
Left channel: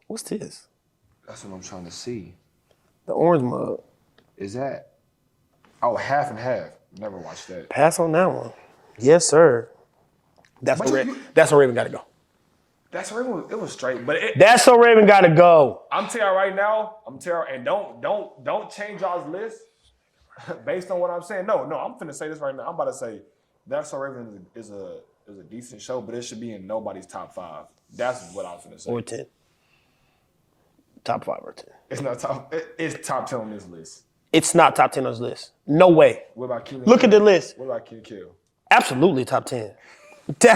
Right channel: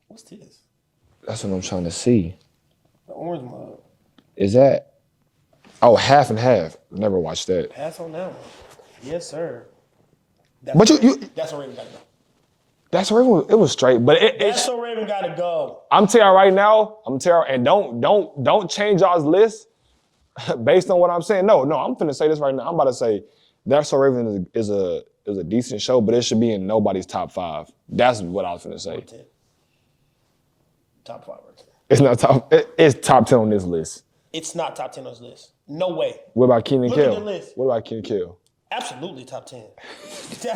What's this? That's what I'm trying to see. The orange mug. Is that? Oh, Half and Half. Never watched that. Pass on that one. Yes, sir. That's But where that's where Raven got to go. That's where it was straight. But That's where Raven got to go. I'm telling you right now. And don't change y'all's list. Based on what I'm saying, no, I'm finna say this right now. I'm about to say That's So Raven is a decent show, but it should be in nobody's top 5. That's what I was finna say. Or 10. Top 5 or 10. It's not top. It's top 10 on this list. It's not top 10 on this list. No way. What about Kenan Look Kel? at the list. What about Kenan Kel? Absolutely top 10.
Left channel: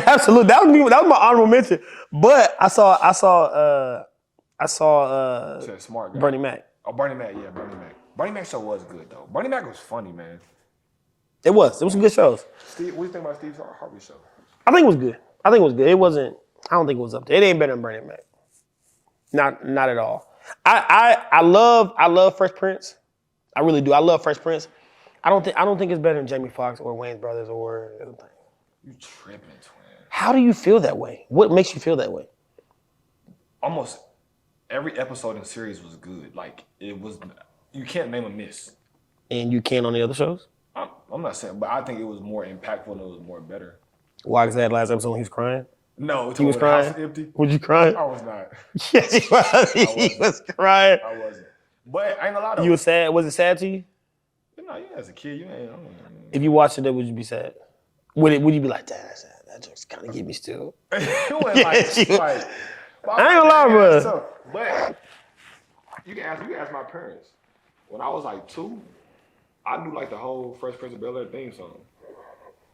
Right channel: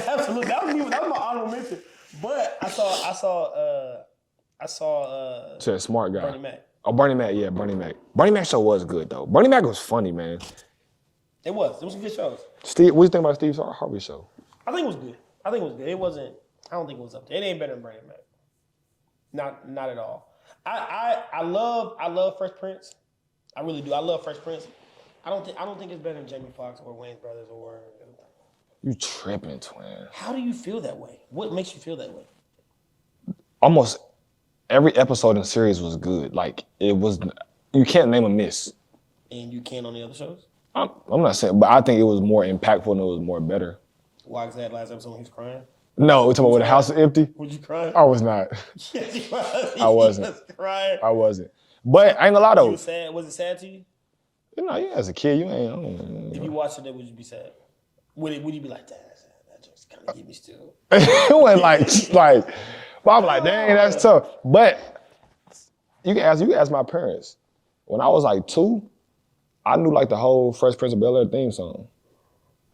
Absolutely. That was my honorable mention. But I saw To a smart guy. Bernie Mac. Oh, Bernie Mac, yeah, Bernie Mac. Bernie Mac show was good though. Bernie Mac was funny, man. It was some good shows. Steve, what do you think about Steve Harvey show? I think it was good. It wasn't, I don't think it was up there. It ain't better than Bernie Mac. Not at all. I love Fresh Prince. I really do. I love Fresh Prince. I don't think it's better than Jamie Foxx or Wayne's Brothers or anything. You tripping, twin. How do you feel that way? What makes you feel that way? Almost every episode in the series was good. Like, it was, you can't name a miss. And you can on the other shows? I'm not saying, but I think it was more impactful and it was more better. Why is that last episode when he was crying? No, we're talking about when the crying? house is empty. Was you crying? I was not. Yes, he was. I wasn't. He was crying. I wasn't. But I ain't gonna lie though. You were sad? Was it sad to you? You know, as a kid, you ain't. If you watched it, would you be sad? Would you be like, damn, that just kind of get me still? It wasn't like. But I I'm ain't like, lying, dang, that's bro. tough. But you can ask my parents. When I was like 2, I knew like the whole Fresh Prince of Bel-Air theme song.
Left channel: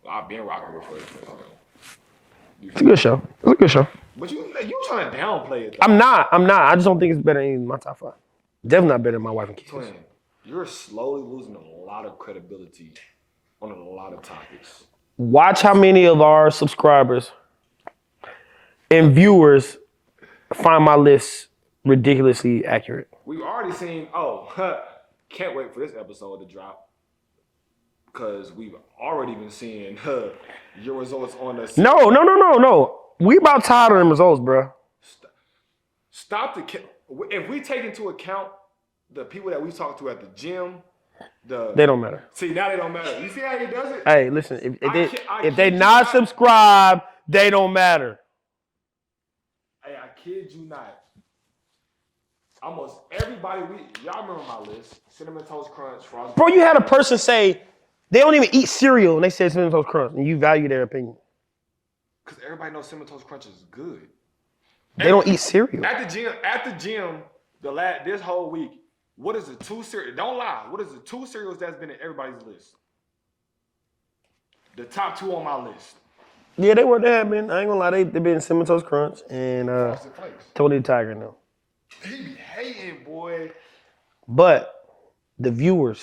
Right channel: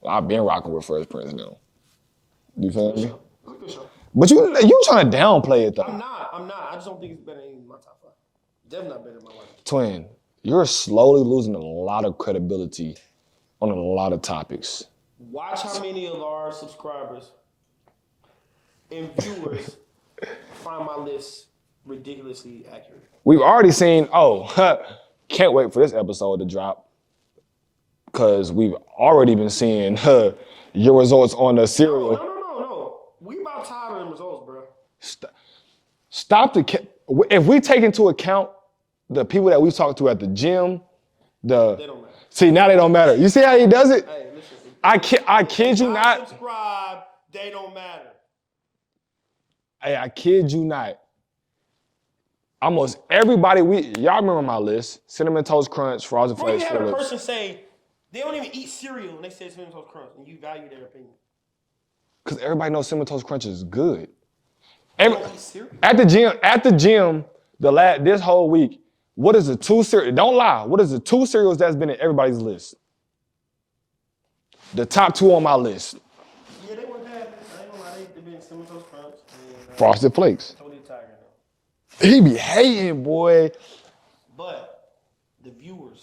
I've been rocking with Fresh Prince now. It's a good show. It's a good show. But you trying to downplay it though. I'm not. I just don't think it's better than my top 5. Definitely not better than My Wife and Kids. Twin, you're slowly losing a lot of credibility on a lot of topics. Watch how many of our subscribers and viewers find my list ridiculously accurate. We've already seen, can't wait for this episode to drop. Because we've already been seeing your results on the series. No. We about tired of them results, bro. Stop if we take into account the people that we talked to at the gym, They don't matter. See, now they don't matter. You see how he does it? Hey, listen. If they they not subscribed, they don't matter. Hey, I kid you not. Almost everybody y'all remember my list: Cinnamon Toast Crunch, Frozen. Bro, you had a Flakes. person say they don't even eat cereal, and they said Cinnamon Toast Crunch, and you value their opinion. Because everybody knows Cinnamon Toast Crunch is good. They don't eat cereal. At the gym, this whole week, what is the 2 cereals? Don't lie. What is the 2 cereals that's been in everybody's list? The top 2 on my list. Yeah, they have been. I ain't gonna lie, they been Cinnamon Toast Crunch and Frosted Flakes. Tony the Tiger now. He be hating, boy. But the viewers,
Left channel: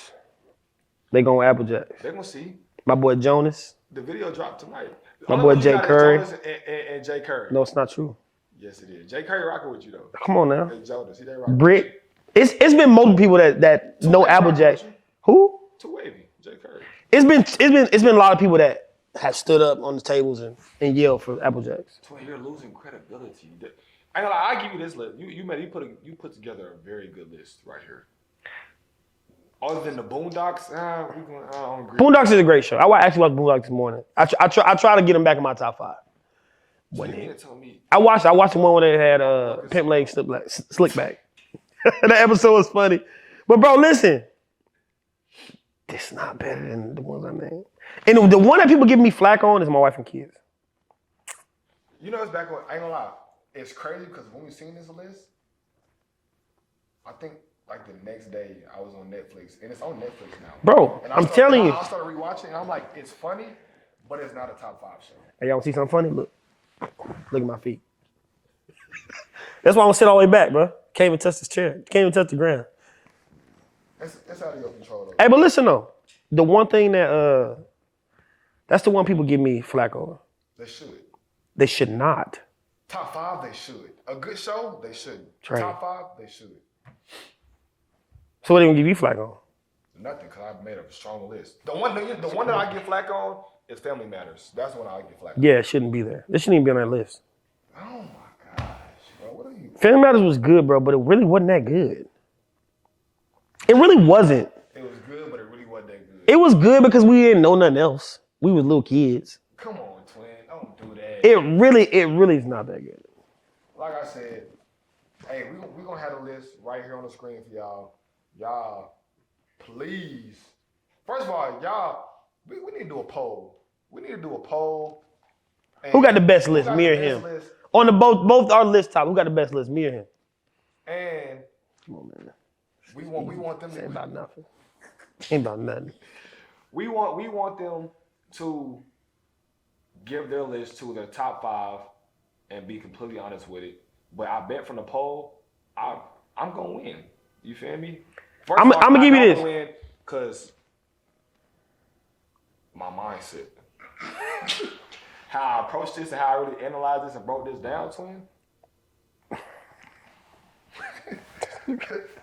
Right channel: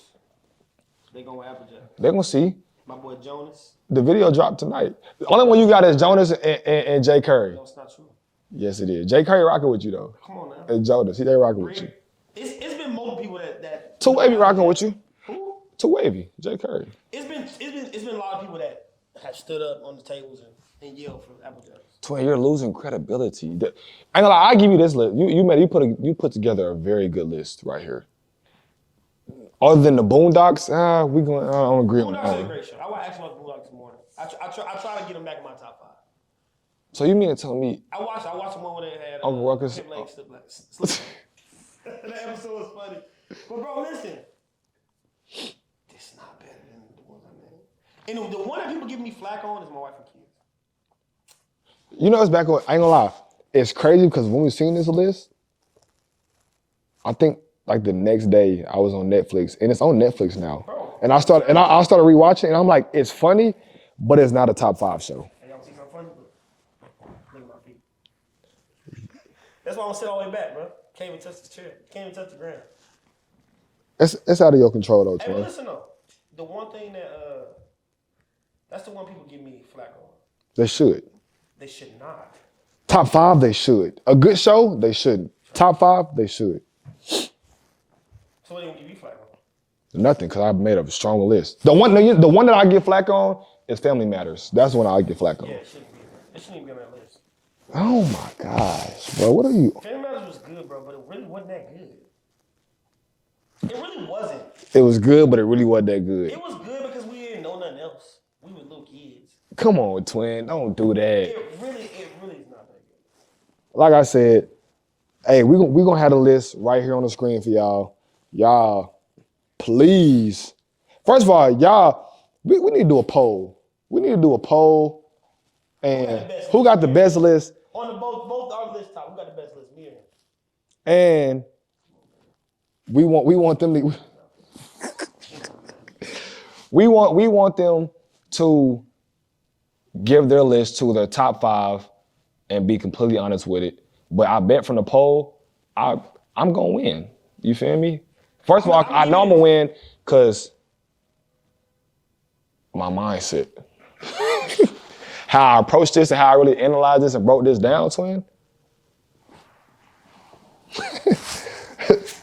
they going Applejack. They're gonna see. My boy Jonas. The video dropped tonight. The My only boy one you Jay got is Curry. Jonas and Jay Curry. No, it's not true. Yes, it is. Jay Curry rocking with you though. Come on now. And Jonas, they rocking with you. Britt. It's been multiple people that Too know Wavy rocking Applejack. with you. Who? Too Wavy, Jay Curry. It's been a lot of people that have stood up on the tables and yelled for Applejacks. Twin, you're losing credibility. I ain't gonna lie, I'll give you this list. You put together a very good list right here. Other than the Boondocks, I don't agree. Boondocks is a great show. I actually watched Boondocks this morning. I try to get them back in my top 5. So you mean to tell me I watched the one where they had Ruckus. Pimp Leg Slick Back. That episode was funny. But bro, listen. This is not better than the ones I named. And the one that people give me flack on is My Wife and Kids. You know, it's back on. I ain't gonna lie. It's crazy because when we seen this list, I think like the next day I was on Netflix and it's on Netflix now, Bro, And I I'm started telling you. I started rewatching and I'm like, it's funny, but it's not a top 5 show. Hey, y'all see something funny? Look at my feet. That's why I'm gonna sit all the way back, bro. Can't even touch this chair. Can't even touch the ground. It's out of your control though. Hey, but Tony. listen though, the one thing that's the one people give me flack on. They should. They should not. Top 5, they should. A good show, they shouldn't. Trash. Top 5, they should. So what they gonna give you flack on? Nothing, because I made a stronger list. The one that I get flack on is Family Matters. That's the one I get flack on. Yeah, it shouldn't be there. It shouldn't even be on that list. Oh my gosh, bro. What are you? Family Matters was good, bro, but it really wasn't that good. It really wasn't. It was good, but it really wasn't that good. It was good because we didn't know nothing else. We was little kids. Come on, twin. Don't do that. It really is not that good. Like I said, hey, we gonna have a list right here on the screen for y'all. Y'all, please First of all, y'all, we need to do a poll. We need to do a poll. And Who got the best list? Who got Me the or best him? list? On the both our list top, who got the best list? Me or him? And we want them Ain't to about nothing. Ain't about nothing. we want them to give their list to their top 5 and be completely honest with it. But I bet from the poll, I'm gonna win. You feel me? First of all, I'ma I give know you I'm this. gonna win because my mindset. How I approached this and how I really analyzed this and broke this down, twin.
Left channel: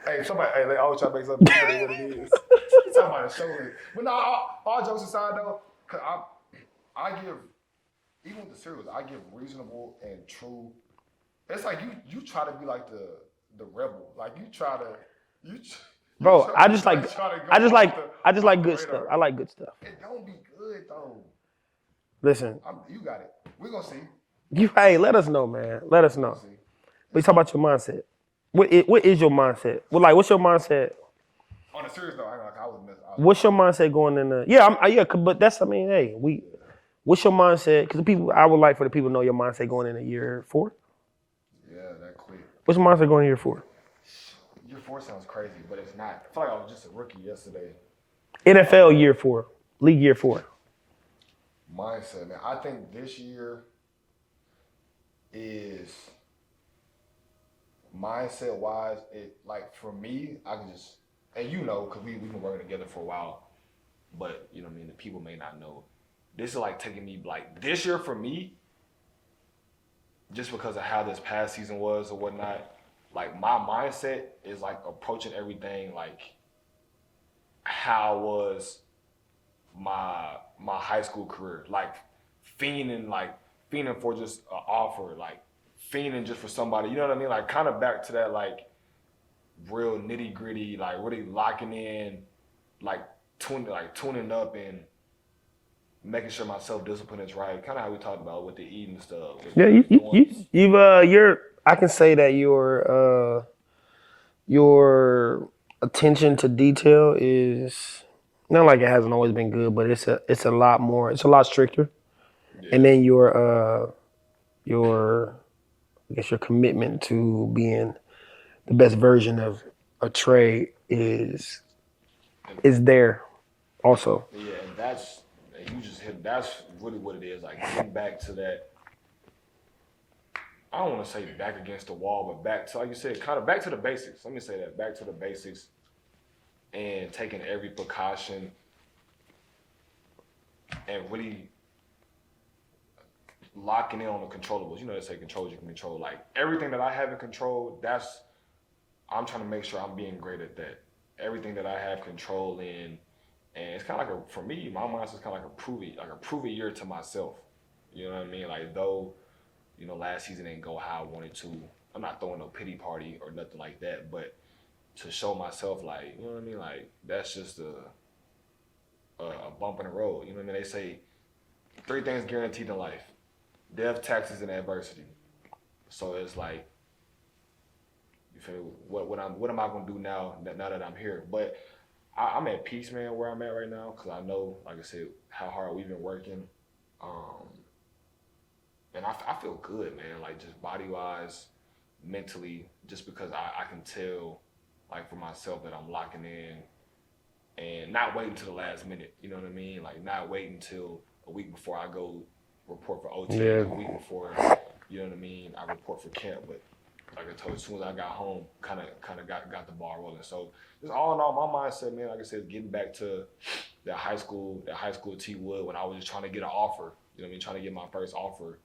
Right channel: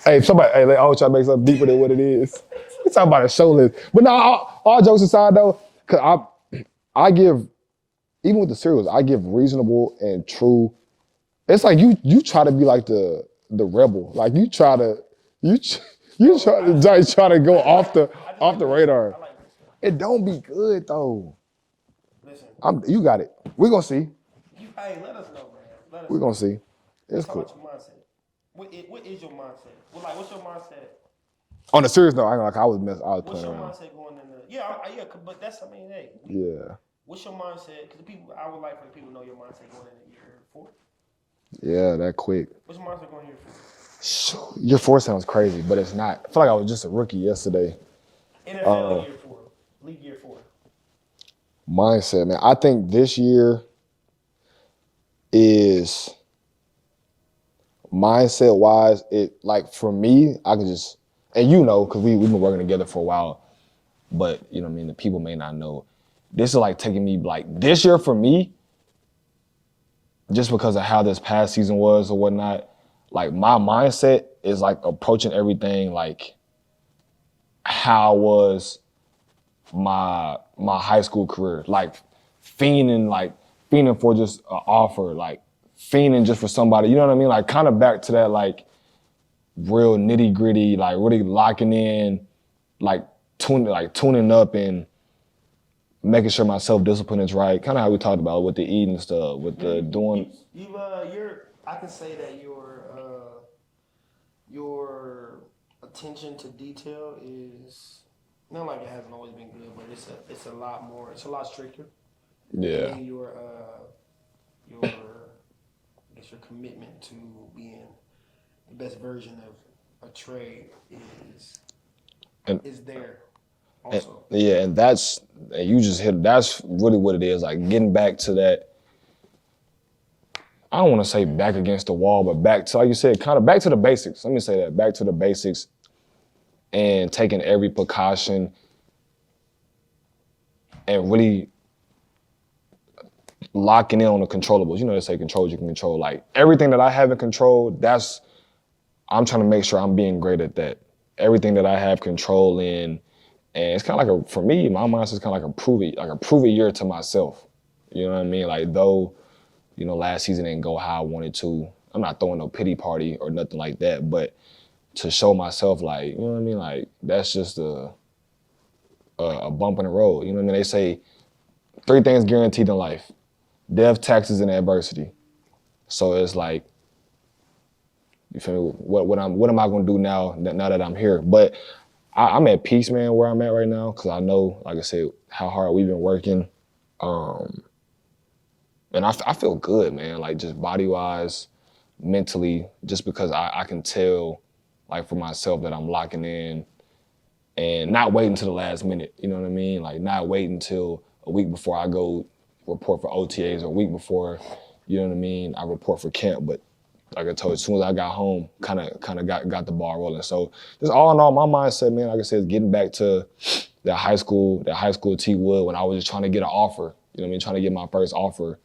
Hey, they always try to make something deeper than what it is. We talking about a show list. But no, all jokes aside though, cause I give, even with the cereals, I give reasonable and true. It's like you try to be like the rebel. Like you try to Bro, try to go off the good radar. Stuff. I like good stuff. It don't be good though. Listen, You got it. We're gonna see. hey, let us know, man. Let us We're know. gonna see. Let's talk about your mindset. What is your mindset? What's your mindset? On a serious note, I ain't gonna lie, I was messed. What's your mindset going in the? But that's hey, Yeah. What's your mindset? Because I would like for the people to know your mindset going into year 4. Yeah, that quick. What's your mindset going in year 4? Year 4 sounds crazy, but it's not. I feel like I was just a rookie yesterday. NFL year 4, league year 4. Mindset, man. I think this year is mindset wise. It like for me, I could just and because we've been working together for a while, but you know what I mean. The people may not know. This is like taking me like this year for me, just because of how this past season was or whatnot. Like my mindset is like approaching everything like how was my high school career, like fiending for just an offer, like fiending just for somebody, you know what I mean? Like kind of back to that like real nitty gritty, like really locking in, like tuning up and making sure my self-discipline is right. Kind of how we talked about with the eating stuff. With I can say that your attention to detail is not like it hasn't always been good, but it's a lot more. It's a lot stricter. Yeah. And then your I guess your commitment to being the best version of a trade is there also. And you just hit. That's really what it is. Like getting back to that. I don't want to say back against the wall, but back to, like you said, kind of back to the basics. Let me say that, back to the basics and taking every precaution and really locking in on the controllables. You know, they say control you can control. Like everything that I haven't controlled, I'm trying to make sure I'm being great at that. Everything that I have control in, and it's kind of like for me, my mindset is kind of like a prove it year to myself. You know what I mean? Like though, last season didn't go how I wanted to. I'm not throwing no pity party or nothing like that, but to show myself like, you know what I mean? Like that's just a bump in the road. You know what I mean? They say 3 things guaranteed in life: death, taxes, and adversity. So it's like, you feel me? What am I gonna do now that I'm here? But I'm at peace, man, where I'm at right now, because I know, like I said, how hard we've been working. And I feel good, man, like just body-wise, mentally, just because I can tell, like for myself, that I'm locking in and not waiting till the last minute, you know what I mean? Like not waiting till a week before I go report for OTAs, a week before, you know what I mean, I report for camp. But like I told you, as soon as I got home, kind of got the ball rolling. So just all in all, my mindset, man, like I said, is getting back to that high school T Wood when I was just trying to get an offer, you know what I mean, trying to get my first offer.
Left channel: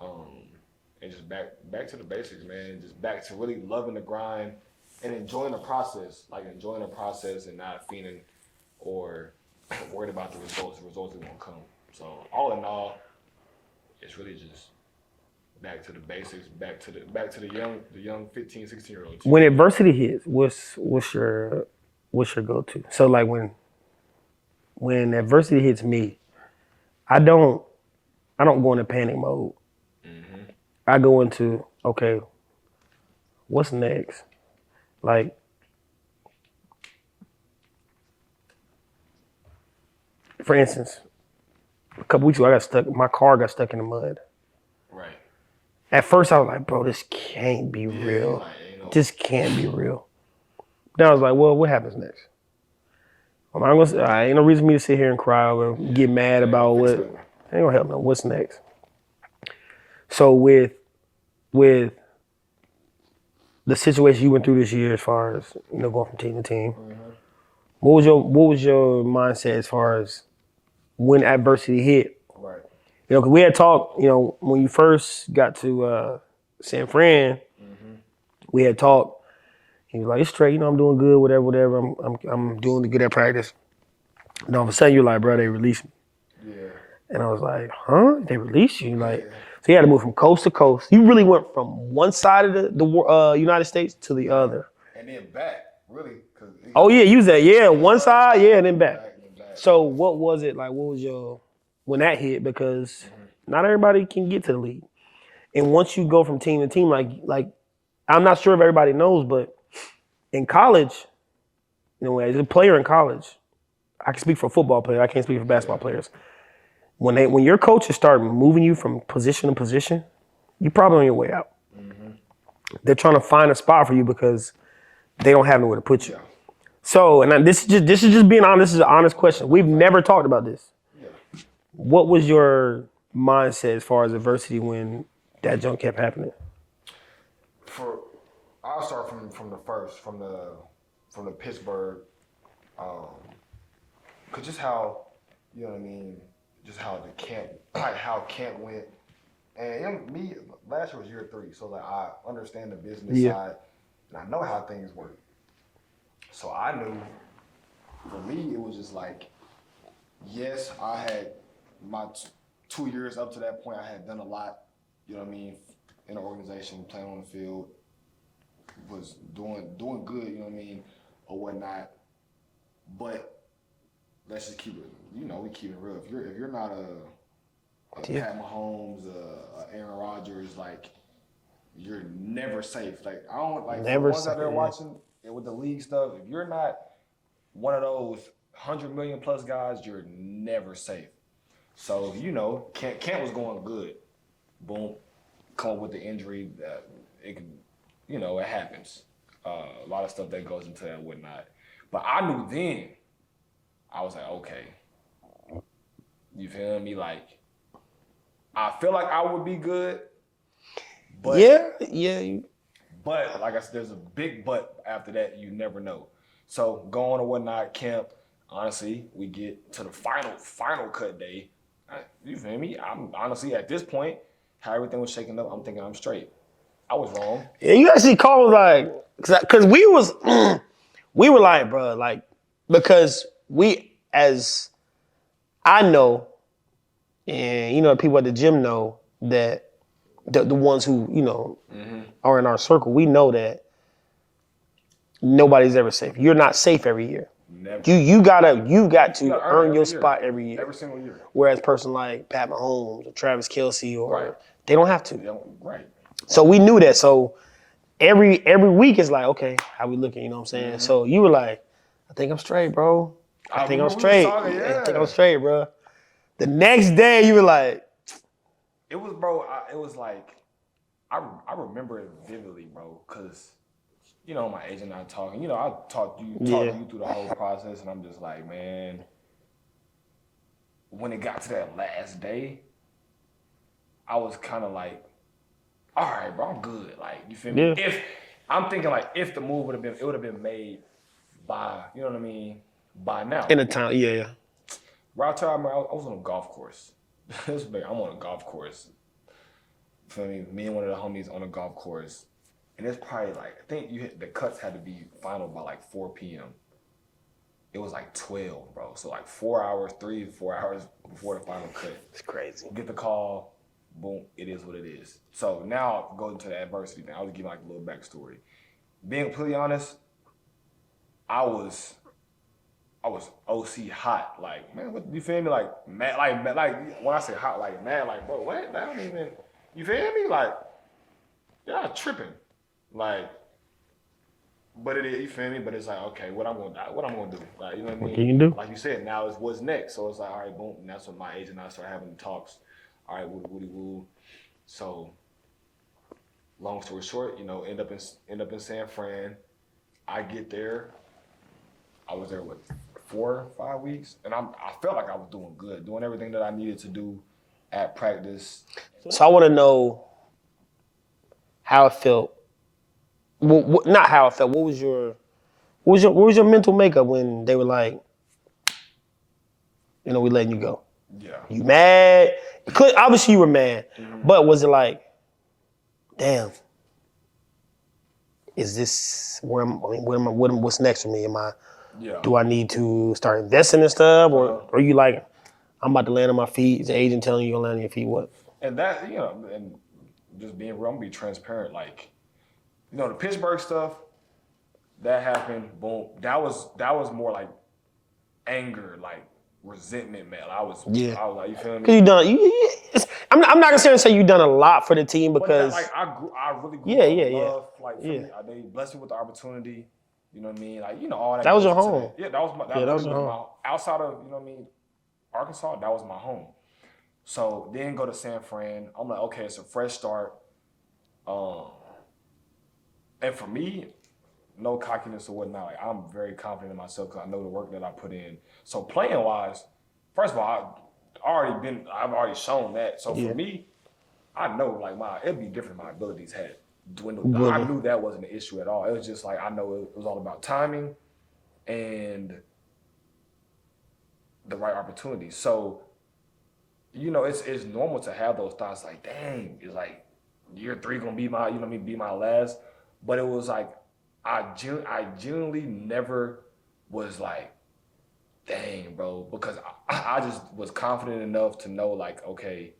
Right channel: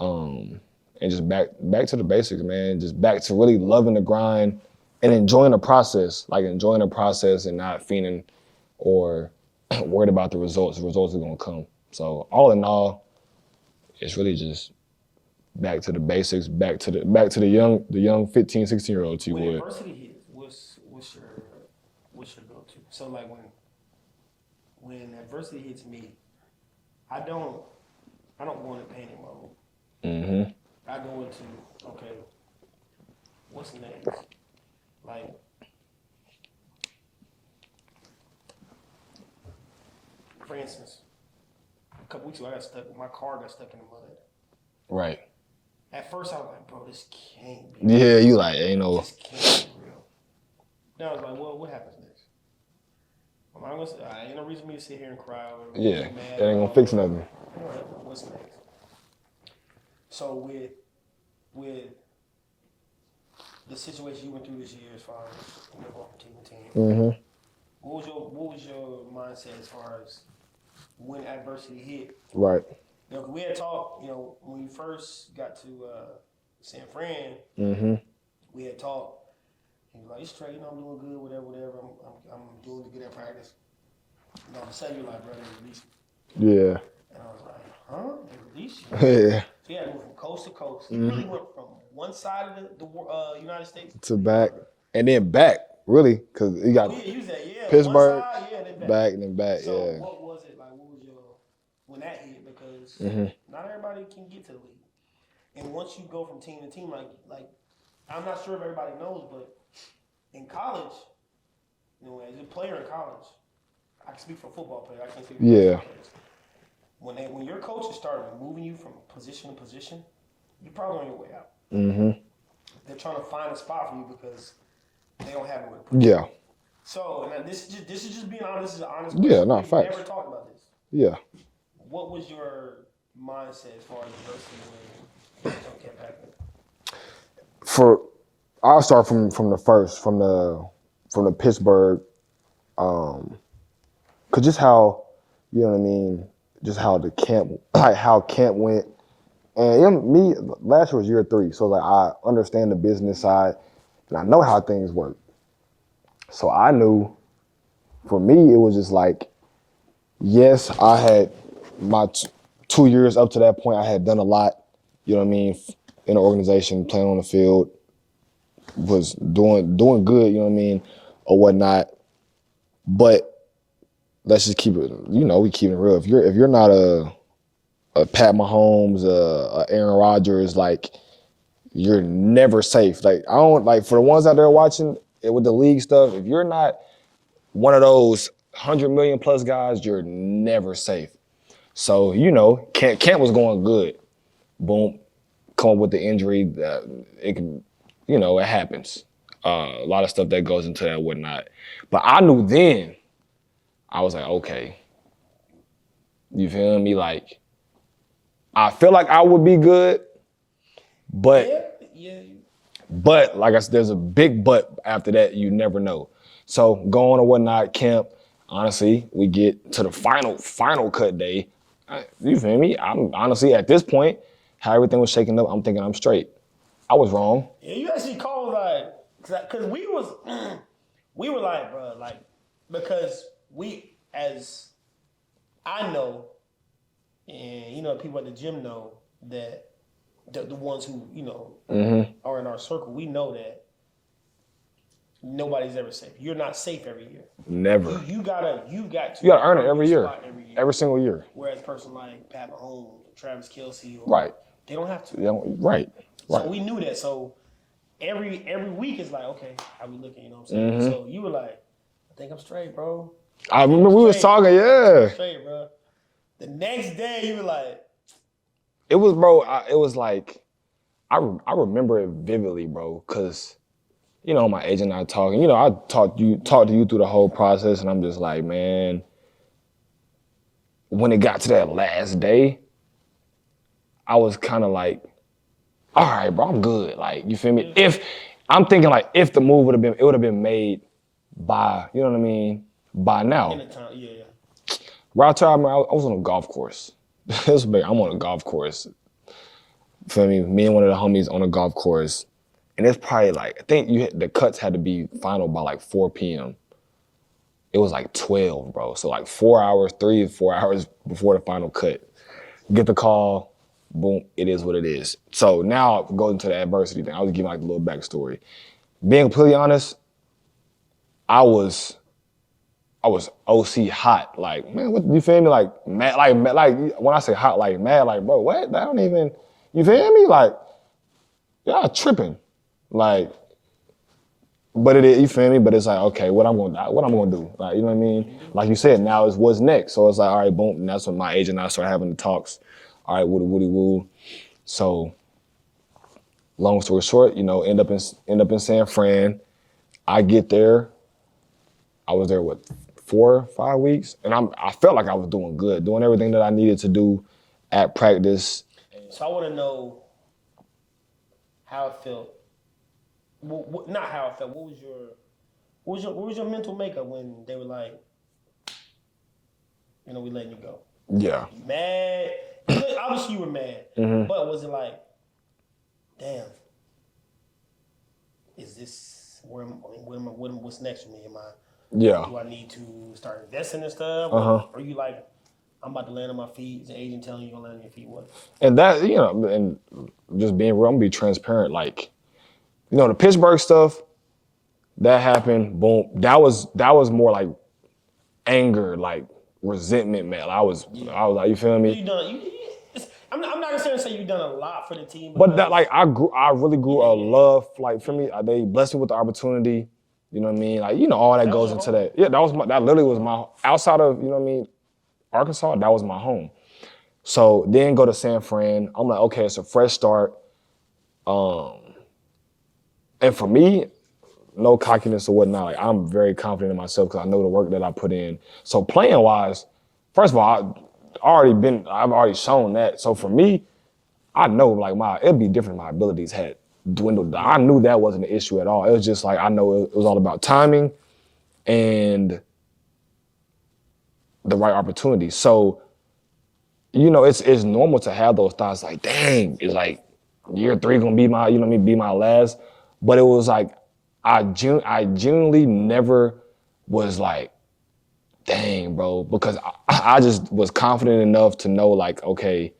And just back to the basics, man. Just back to really loving the grind and enjoying the process, and not feeling or worried about the results. The results are gonna come. So all in all, it's really just back to the basics, back to the young 15, 16-year-old. When adversity hits, what's your go-to? So like when adversity hits me, I don't go into panic mode. Mm-hmm. I go into, okay, what's next? Like, for instance, a couple weeks ago, my car got stuck in the mud. Right. At first, I was like, bro, this can't be real. Yeah, you like, ain't no. This can't be real. Then I was like, well, what happens next? Ain't no reason for me to sit here and cry or get mad about what. Ain't gonna help no. What's next? So with the situation you went through this year, as far as going from team to team, what was your mindset as far as when adversity hit? Right. Because we had talked. When you first got to San Fran, we had talked. He was like, "It's straight. I'm doing good. Whatever. I'm doing good at practice." And all of a sudden, you're like, "Bro, they released me." Yeah. And I was like, "Huh? They released you?" Yeah. So you had to move from coast to coast. You really went from one side of the United States to the other, and then back. Really? Cause you was at one side, and then back. Back and then back. So what was it like? What was your when that hit? Because not everybody can get to the league, and once you go from team to team, like I'm not sure if everybody knows, but in college, as a player in college, I can speak for a football player. I can't speak for basketball players. When your coaches start moving you from position to position, you're probably on your way out. They're trying to find a spot for you because they don't have nowhere to put you. Yeah. So, and this is just being honest. This is an honest question. We've never talked about this. Yeah. What was your mindset as far as adversity when that junk kept happening? I'll start from the Pittsburgh, cause just how, just how the camp, like how camp went, and me last year was year 3, so like I understand the business side, and I know how things work. So I knew, for me, it was just like, yes, I had my 2 years up to that point, I had done a lot, in the organization, playing on the field, was doing good, or whatnot. But let's just keep it, we keep it real. If you're not a Pat Mahomes, a Aaron Rodgers, like, you're never safe. Like, I don't, like, for the ones out there watching it with the league stuff, if you're not one of those 100 million plus guys, you're never safe. So, camp was going good. Boom, come up with the injury. It can, it happens. A lot of stuff that goes into that and whatnot. But I knew then, I was like, okay. You feel me? Like, I feel like I would be good, but But like I said, there's a big but after that. You never know. So going or whatnot, camp. Honestly, we get to the final cut day. You feel me? I'm honestly at this point, how everything was shaking up, I'm thinking I'm straight. I was wrong. Yeah, you actually called like, cause we were like, bro, like, because as I know, and people at the gym know that the ones who are in our circle, we know that nobody's ever safe. You're not safe every year. Never. You got to earn your year. spot every year. Every single year. Whereas a person like Pat Mahomes or Travis Kelce right. They don't have to. Right. So we knew that. So every week is like, okay, how we looking? You know what I'm saying? So you were like, I think I'm straight, bro. I remember we was talking, yeah. I think I'm straight, bro. The next day you were like, it was, bro. It was like, I remember it vividly, bro, because. My agent and I talking. I talked to you through the whole process, and I'm just like, man, when it got to that last day, I was kind of like, all right, bro, I'm good. Like, you feel me? Yeah. If I'm thinking like, if the move would have been made by, by now. In the time, yeah. Right after I was on a golf course. This big. I'm on a golf course. Feel me? Me and one of the homies on a golf course. And it's probably like, I think the cuts had to be final by like 4 p.m. It was like 12, bro. So like 3 or 4 hours before the final cut. It's crazy. Get the call, boom, it is what it is. So now going into the adversity thing, I was giving like a little backstory. Being completely honest, I was OC hot. Like, man, what, you feel me? Like, mad, like when I say hot, like mad, like, bro, what? That don't even, you feel me? Like, y'all tripping. Like, But it is, you feel me? But it's like, okay, what I'm gonna do? Like, you know what I mean? can you do? Like you said, now is what's next. So it's like, all right, boom. And that's when my agent and I started having the talks. All right, woody woo. So, long story short, end up in San Fran. I get there. I was there 4 or 5 weeks, and I felt like I was doing good, doing everything that I needed to do at practice. So I want to know how it felt. Well, not how it felt. What was your mental makeup when they were like, we letting you go? Yeah. You mad? Obviously you were mad, Mm-hmm. but was it like, damn? Is this what's next for me? Yeah. Do I need to start investing in stuff, or Uh-huh. are you like, I'm about to land on my feet? Is the agent telling you you're gonna land on your feet? What? And that, and just being real, I'm gonna be transparent. Like, the Pittsburgh stuff, that happened, boom. That was more like anger, like resentment, man. I was like, you feel me? You done. I'm not gonna sit here and say you done a lot for the team, because But that, like, I really grew up love. Like, for me, Yeah. they blessed me with the opportunity. You know what I mean? Like, all that That was goes your into home. that. Yeah, that was literally your was my, outside of, Arkansas, that was my home. So then go to San Fran. I'm like, okay, it's a fresh start. And for me, no cockiness or whatnot. Like, I'm very confident in myself because I know the work that I put in. So playing wise, first of all, I've already shown that. So for me, I know like it'd be different. My abilities had dwindled. I knew that wasn't an issue at all. It was just like, I know it was all about timing and the right opportunity. So, it's normal to have those thoughts like, dang, it's like year 3 gonna be my, be my last. But it was like, I genuinely never was like, dang, bro, because I just was confident enough to know, like, okay,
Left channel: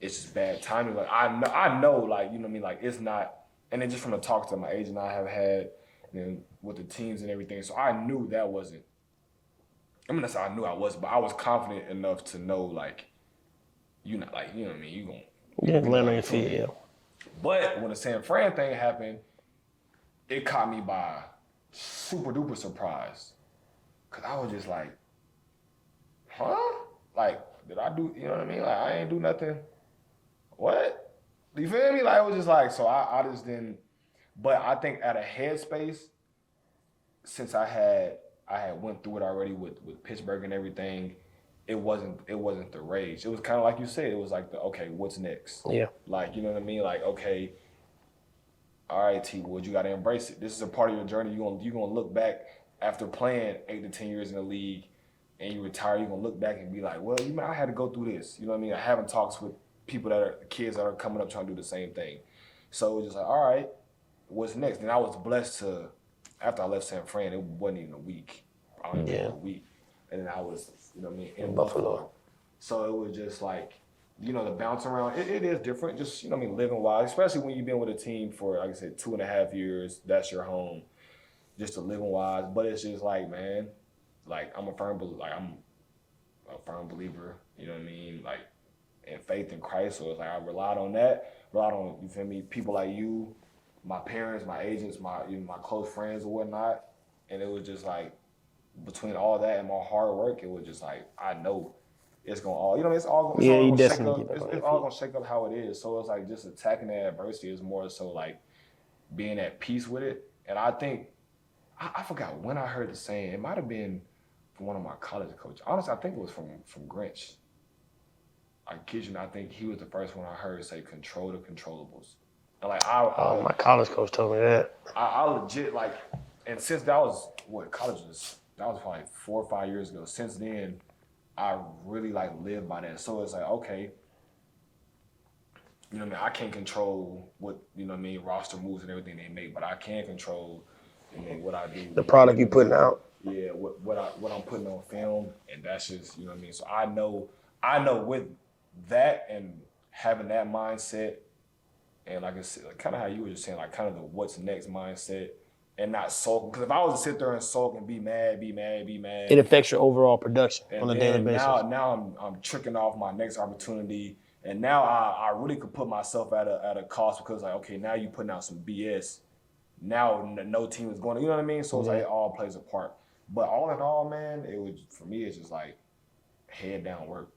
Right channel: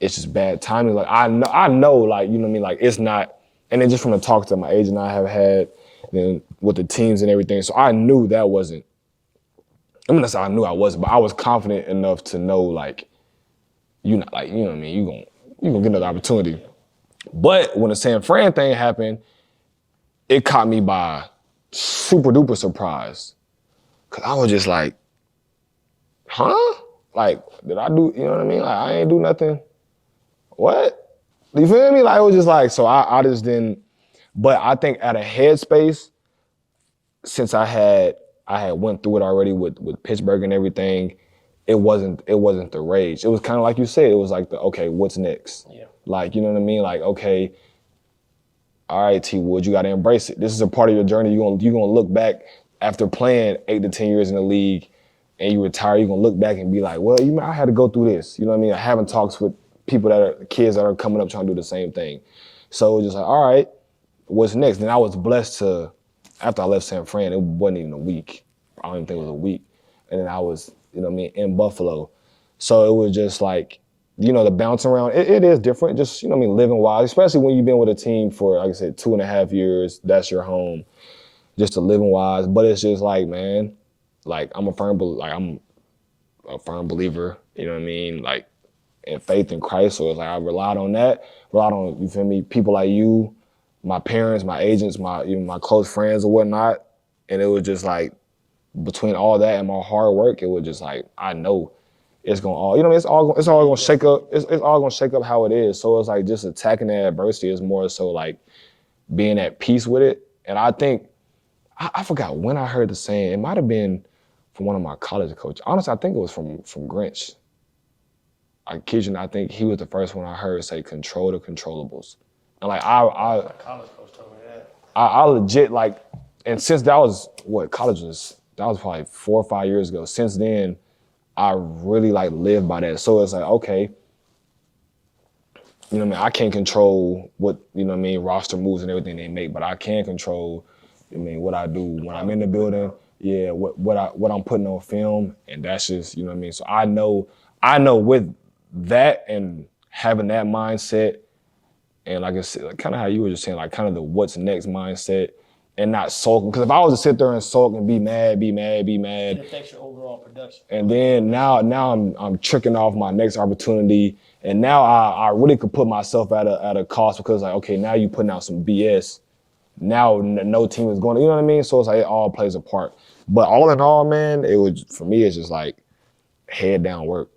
it's just bad timing. Like, I know, like, like, it's not. And then just from the talks that my agent and I have had, then with the teams and everything, so I knew that wasn't. I mean, that's how I knew I wasn't, but I was confident enough to know, like, not like, what I mean, you gonna get another opportunity. Yeah. But when the San Fran thing happened, it caught me by super duper surprise. Cause I was just like, huh? Like, did I do, you know what I mean? Like, I ain't do nothing. What? You feel me? Like, it was just like, so I just didn't, but I think at a headspace, since I had went through it already with Pittsburgh and everything, it wasn't the rage. It was kind of like you said, it was like okay, what's next? Yeah. Like, you know what I mean? Like, okay, all right, T Wood, you got to embrace it. This is a part of your journey. You're gonna look back after playing 8 to 10 years in the league, and you retire. You're gonna look back and be like, well, I had to go through this. You know what I mean? Having talks with people kids that are coming up trying to do the same thing. So it was just like, all right, what's next? And I was blessed to, after I left San Fran, it wasn't even a week. I don't even think it was a week. And then I was, in Buffalo. So it was just like, the bounce around, it is different, just, living wise, especially when you've been with a team for, like I said, 2.5 years, that's your home, just to living wise. But it's just like, man, like, I'm a firm believer, you know what I mean? Like, in faith in Christ. So it's like, I relied on that, you feel me, people like you, my parents, my agents, my close friends or whatnot. And it was just like, between all that and my hard work, it was just like, I know it's gonna all, it's all gonna shake up. It's all gonna shake up how it is. So it's like just attacking that adversity is more so like being at peace with it. And I think, I forgot when I heard the saying. It might have been from one of my college coaches. Honestly, I think it was from Grinch. I kid you not, I think he was the first one I heard say, control the controllables. And like, My college coach told me that. I legit, like, and since that was, that was probably 4 or 5 years ago. Since then, I really like lived by that. So it's like, okay, you know what I mean? I can't control what, roster moves and everything they make, but I can control, what I do. The product you putting out. Yeah, what I'm putting on film, and that's just, you know what I mean? So I know with that and having that mindset, and like I said, like kind of how you were just saying, like kind of the what's next mindset, and not sulking. Because if I was to sit there and sulk and be mad, it affects your overall production. and then now I'm tricking off my next opportunity, and now I really could put myself at a cost, because like, okay, now you putting out some BS now no team is going to, you know what I mean? So it's like it all plays a part. But all in all, man, for me, it's just like head down work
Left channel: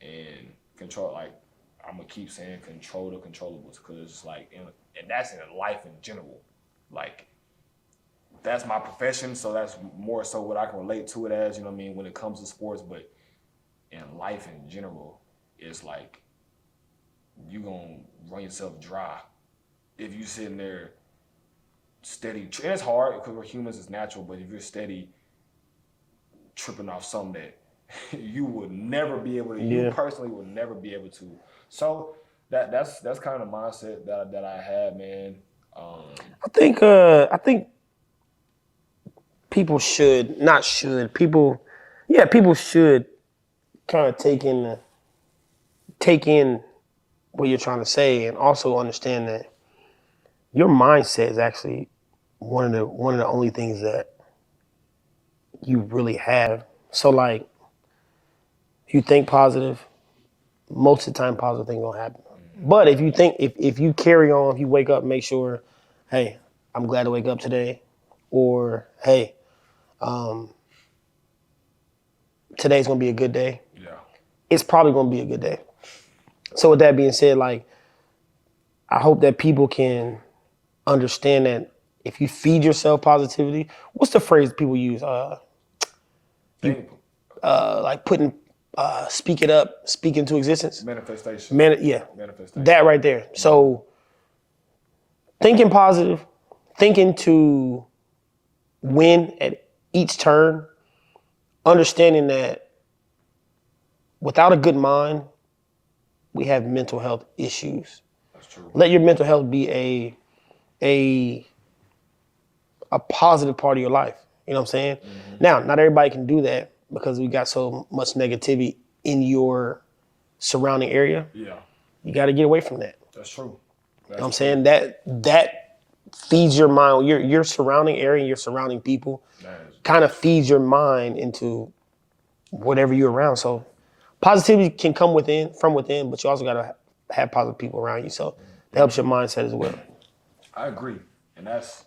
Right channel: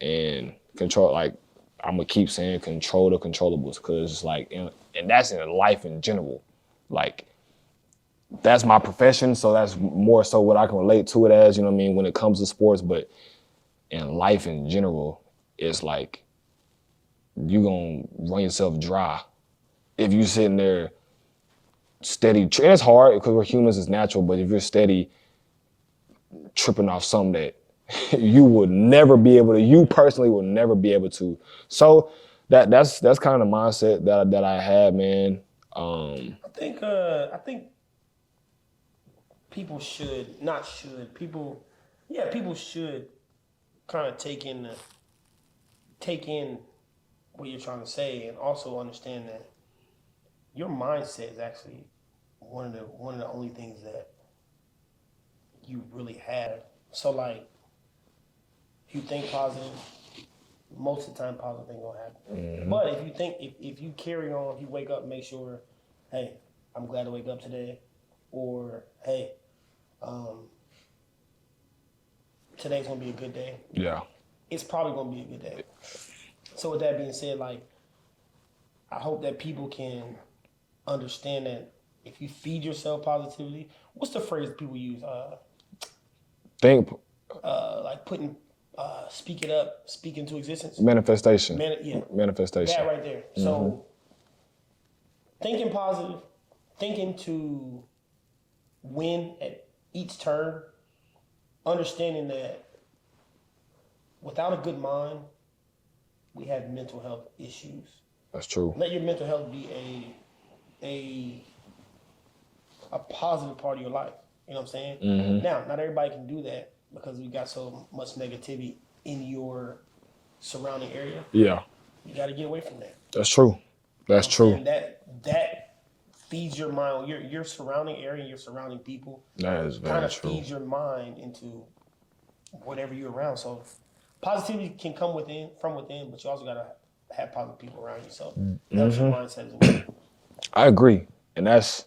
and control. Like, I'm going to keep saying control the controllables because it's like, and that's in life in general. Like, that's my profession, so that's more so what I can relate to it as, you know what I mean, when it comes to sports. But in life in general, it's like you gonna run yourself dry if you sitting there steady. And it's hard because we're humans, it's natural. But if you're steady tripping off something that you would never be able to, you personally would never be able to. So that's kind of the mindset that I had, man. I think people should kind of take in what you're trying to say, and also understand that your mindset is actually one of the only things that you really have. So like, if you think positive, most of the time positive things gonna happen. But if you think, if you carry on, if you wake up, make sure, hey, I'm glad to wake up today, or hey, today's gonna be a good day. Yeah. It's probably gonna be a good day. So with that being said, like, I hope that people can understand that if you feed yourself positivity, what's the phrase people use? Think Like putting, speak it up, speak into existence. manifestation. Manifestation. That right there. So thinking positive, thinking to win at each turn, understanding that without a good mind, we have mental health issues. That's true. Let your mental health be a positive part of your life. You know what I'm saying? Mm-hmm. Now, not everybody can do that because we got so much negativity in your surrounding area. Yeah. You got to get away from that. That's true. That's I'm true. saying that feeds your mind. Your surrounding area, your surrounding people, kind of feeds your mind into whatever you're around. So positivity can come from within, but you also got to have positive people around you. So it helps your mindset as well. I agree. And that's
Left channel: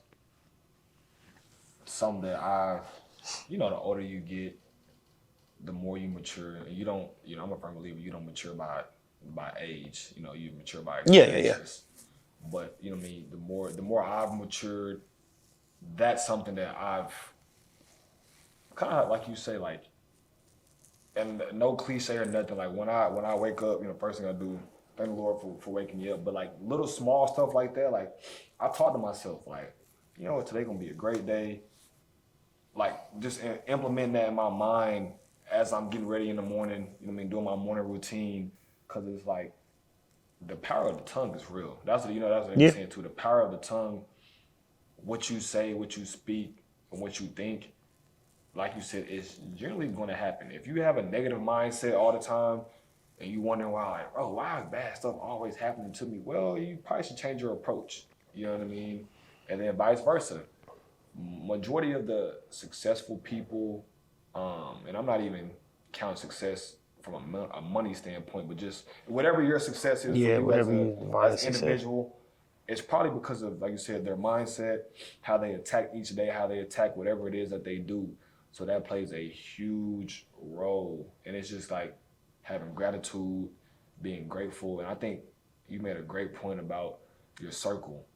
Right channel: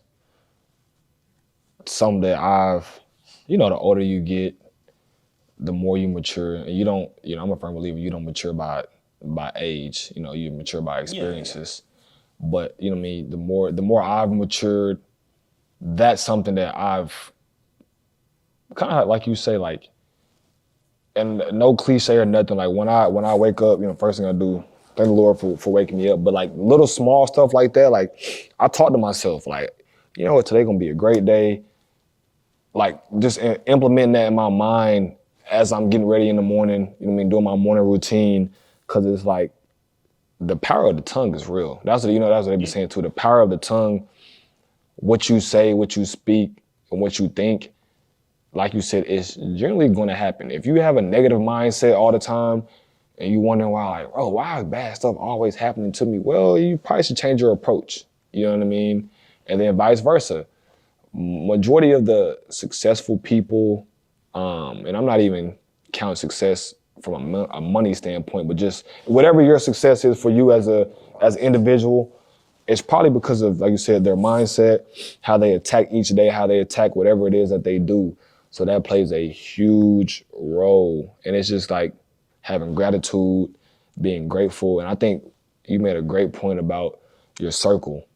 something that the older you get, the more you mature. And you don't, I'm a firm believer, you don't mature by age. You mature by experiences. Yeah. But, you know what I mean, the more I've matured, that's something that I've kind of, like you say, like, and no cliche or nothing, like when I wake up, first thing I do, thank the Lord for waking me up. But like little small stuff like that, like I talk to myself, like, you know what, today gonna be a great day. Like just implementing that in my mind as I'm getting ready in the morning, doing my morning routine, cause it's like the power of the tongue is real. That's what they be saying too. The power of the tongue, what you say, what you speak, and what you think, like you said, it's generally gonna happen. If you have a negative mindset all the time and you wondering why is bad stuff always happening to me? Well, you probably should change your approach. You know what I mean? And then vice versa. Majority of the successful people, and I'm not even counting success from a money standpoint, but just whatever your success is for you as an individual, it's probably because of, like you said, their mindset, how they attack each day, how they attack whatever it is that they do. So that plays a huge role. And it's just like having gratitude, being grateful. And I think you made a great point about your circle.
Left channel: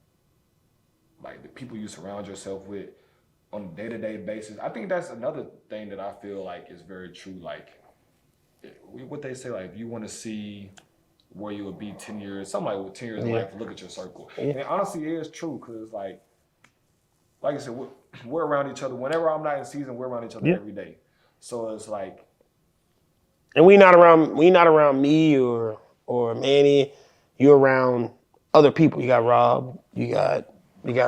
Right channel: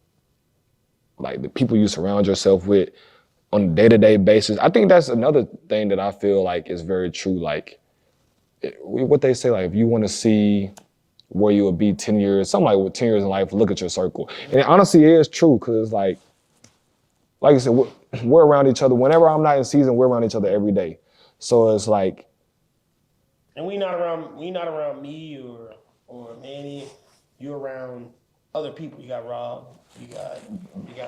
Like the people you surround yourself with on a day-to-day basis. I think that's another thing that I feel like is very true. Like what they say, like if you want to see where you will be 10 years, something like with 10 years in life, look at your circle. And it honestly is true, because it's like I said, we're around each other. Whenever I'm not in season, we're around each other every day. So it's like, and we not around me or Manny. You're around other people. You got Rob, you got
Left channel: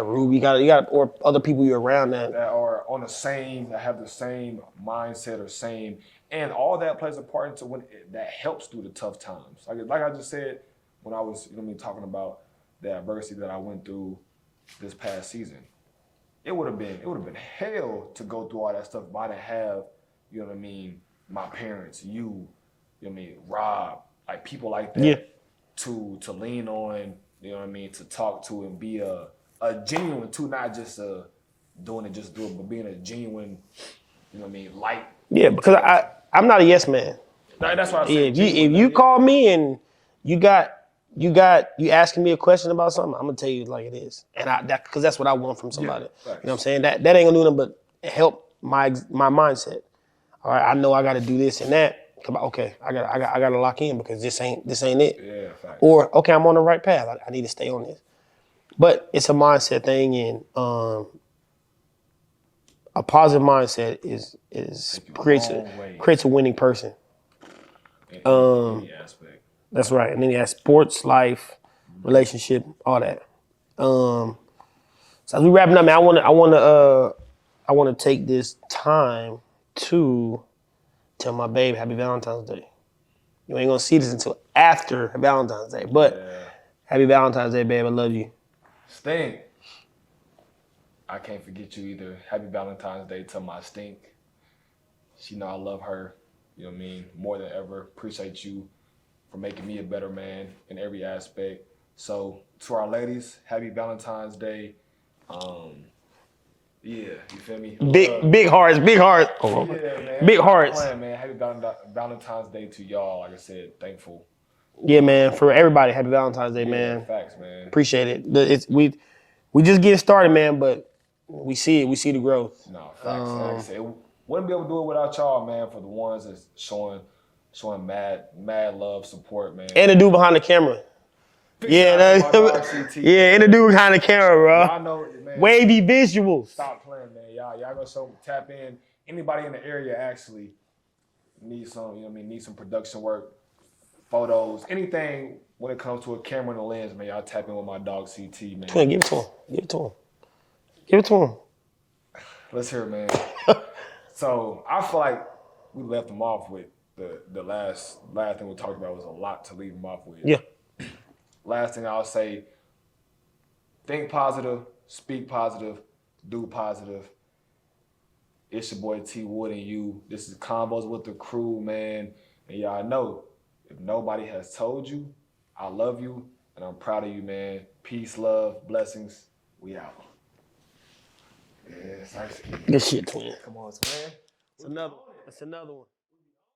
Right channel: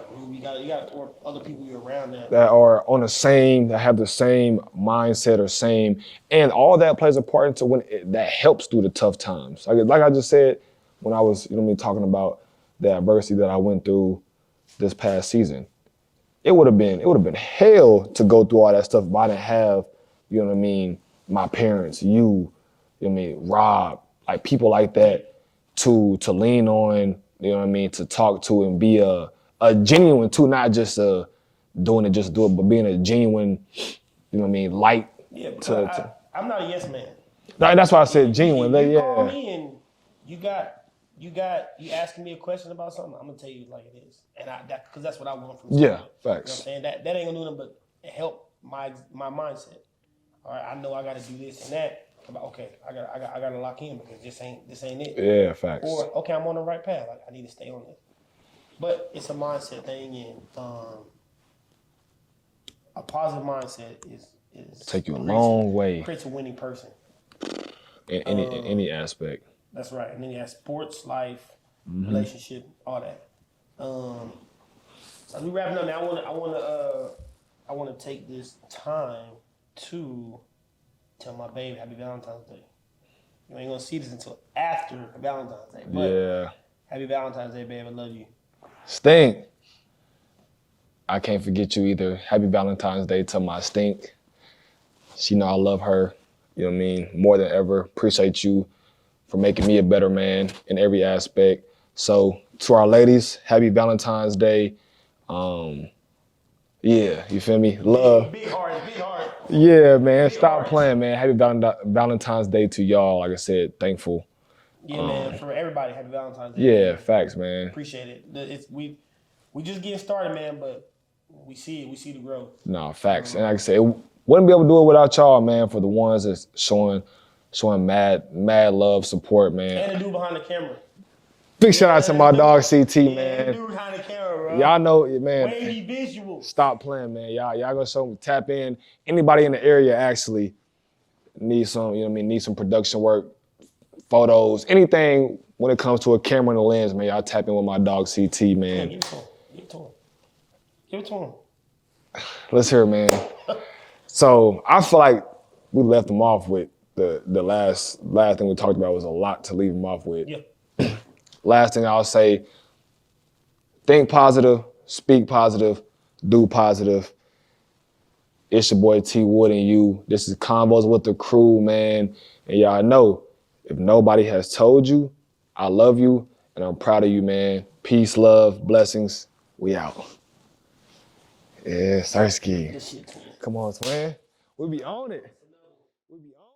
Ruby, you got or other people you're around that are on that have the same mindset or same, and all that plays a part into that helps through the tough times. Like I just said, when I was, talking about the adversity that I went through this past season. It would have been hell to go through all that stuff if I didn't have, my parents, Rob, like people like that to lean on, to talk to and be a a genuine too, not just doing it just do it, but being a genuine, you know what I mean, light. Yeah, because I'm not a yes man. No, that's why I said If genuine. you call me and you asking me a question about something, I'm gonna tell you like it is, and because that's what I want from somebody. facts. You know what I'm saying? That ain't gonna do nothing but help my mindset. All right, I know I got to do this and that. Okay, I got to lock in because this ain't it. Yeah, facts. Or okay, I'm on the right path. I need to stay on this. But it's a mindset thing, and a positive mindset is Take you a creates long way. creates a winning person. In any aspect. That's right. And then you have sports, life, relationship, all that. So as we wrapping up, man, I wanna take this time to tell my babe Happy Valentine's Day. You ain't gonna see this until after Valentine's Day, but Happy Valentine's Day, babe. I love you. Stink. I can't forget you either. Happy Valentine's Day to my Stink. She know I love her. You know what I mean? More than ever. Appreciate you for making me a better man in every aspect. So to our ladies, happy Valentine's Day. Yeah, you feel me? Love. Big hearts. Yeah, man. Big Stop hearts. playing, man. Happy Valentine's Day to y'all. Like I said, thankful. Yeah, man. For everybody, Happy Valentine's Day, Yeah, man. facts, man. Appreciate it. We just getting started, man, but we see it. We see the growth. No, facts. And like I said, wouldn't be able to do it without y'all, man, for the ones that's showing mad love, support, man. And the dude behind the camera. Big shout out to my dog CT. Yeah, man. and the dude behind the camera, bro. Y'all know, man. Wavy visuals. Stop playing, man. Y'all gonna tap in. Anybody in the area actually needs some, you know what I mean, need some production work, photos, anything when it comes to a camera and a lens, man. Y'all tap in with my dog CT, man. Yeah, give it to him. Give it to him. Let's hear it, man. So I feel like we left him off with the last thing we talked about was a lot to leave him off with. Yeah. Last thing I'll say, think positive, speak positive, do positive. It's your boy T Wood and you. This is Convos with the Crew, man. And y'all know, if nobody has told you, I love you and I'm proud of you, man. Peace, love, blessings. We out. Yeah, Sarsky. Good shit, twin. Come on, twin. We be on it. That's another one. We be on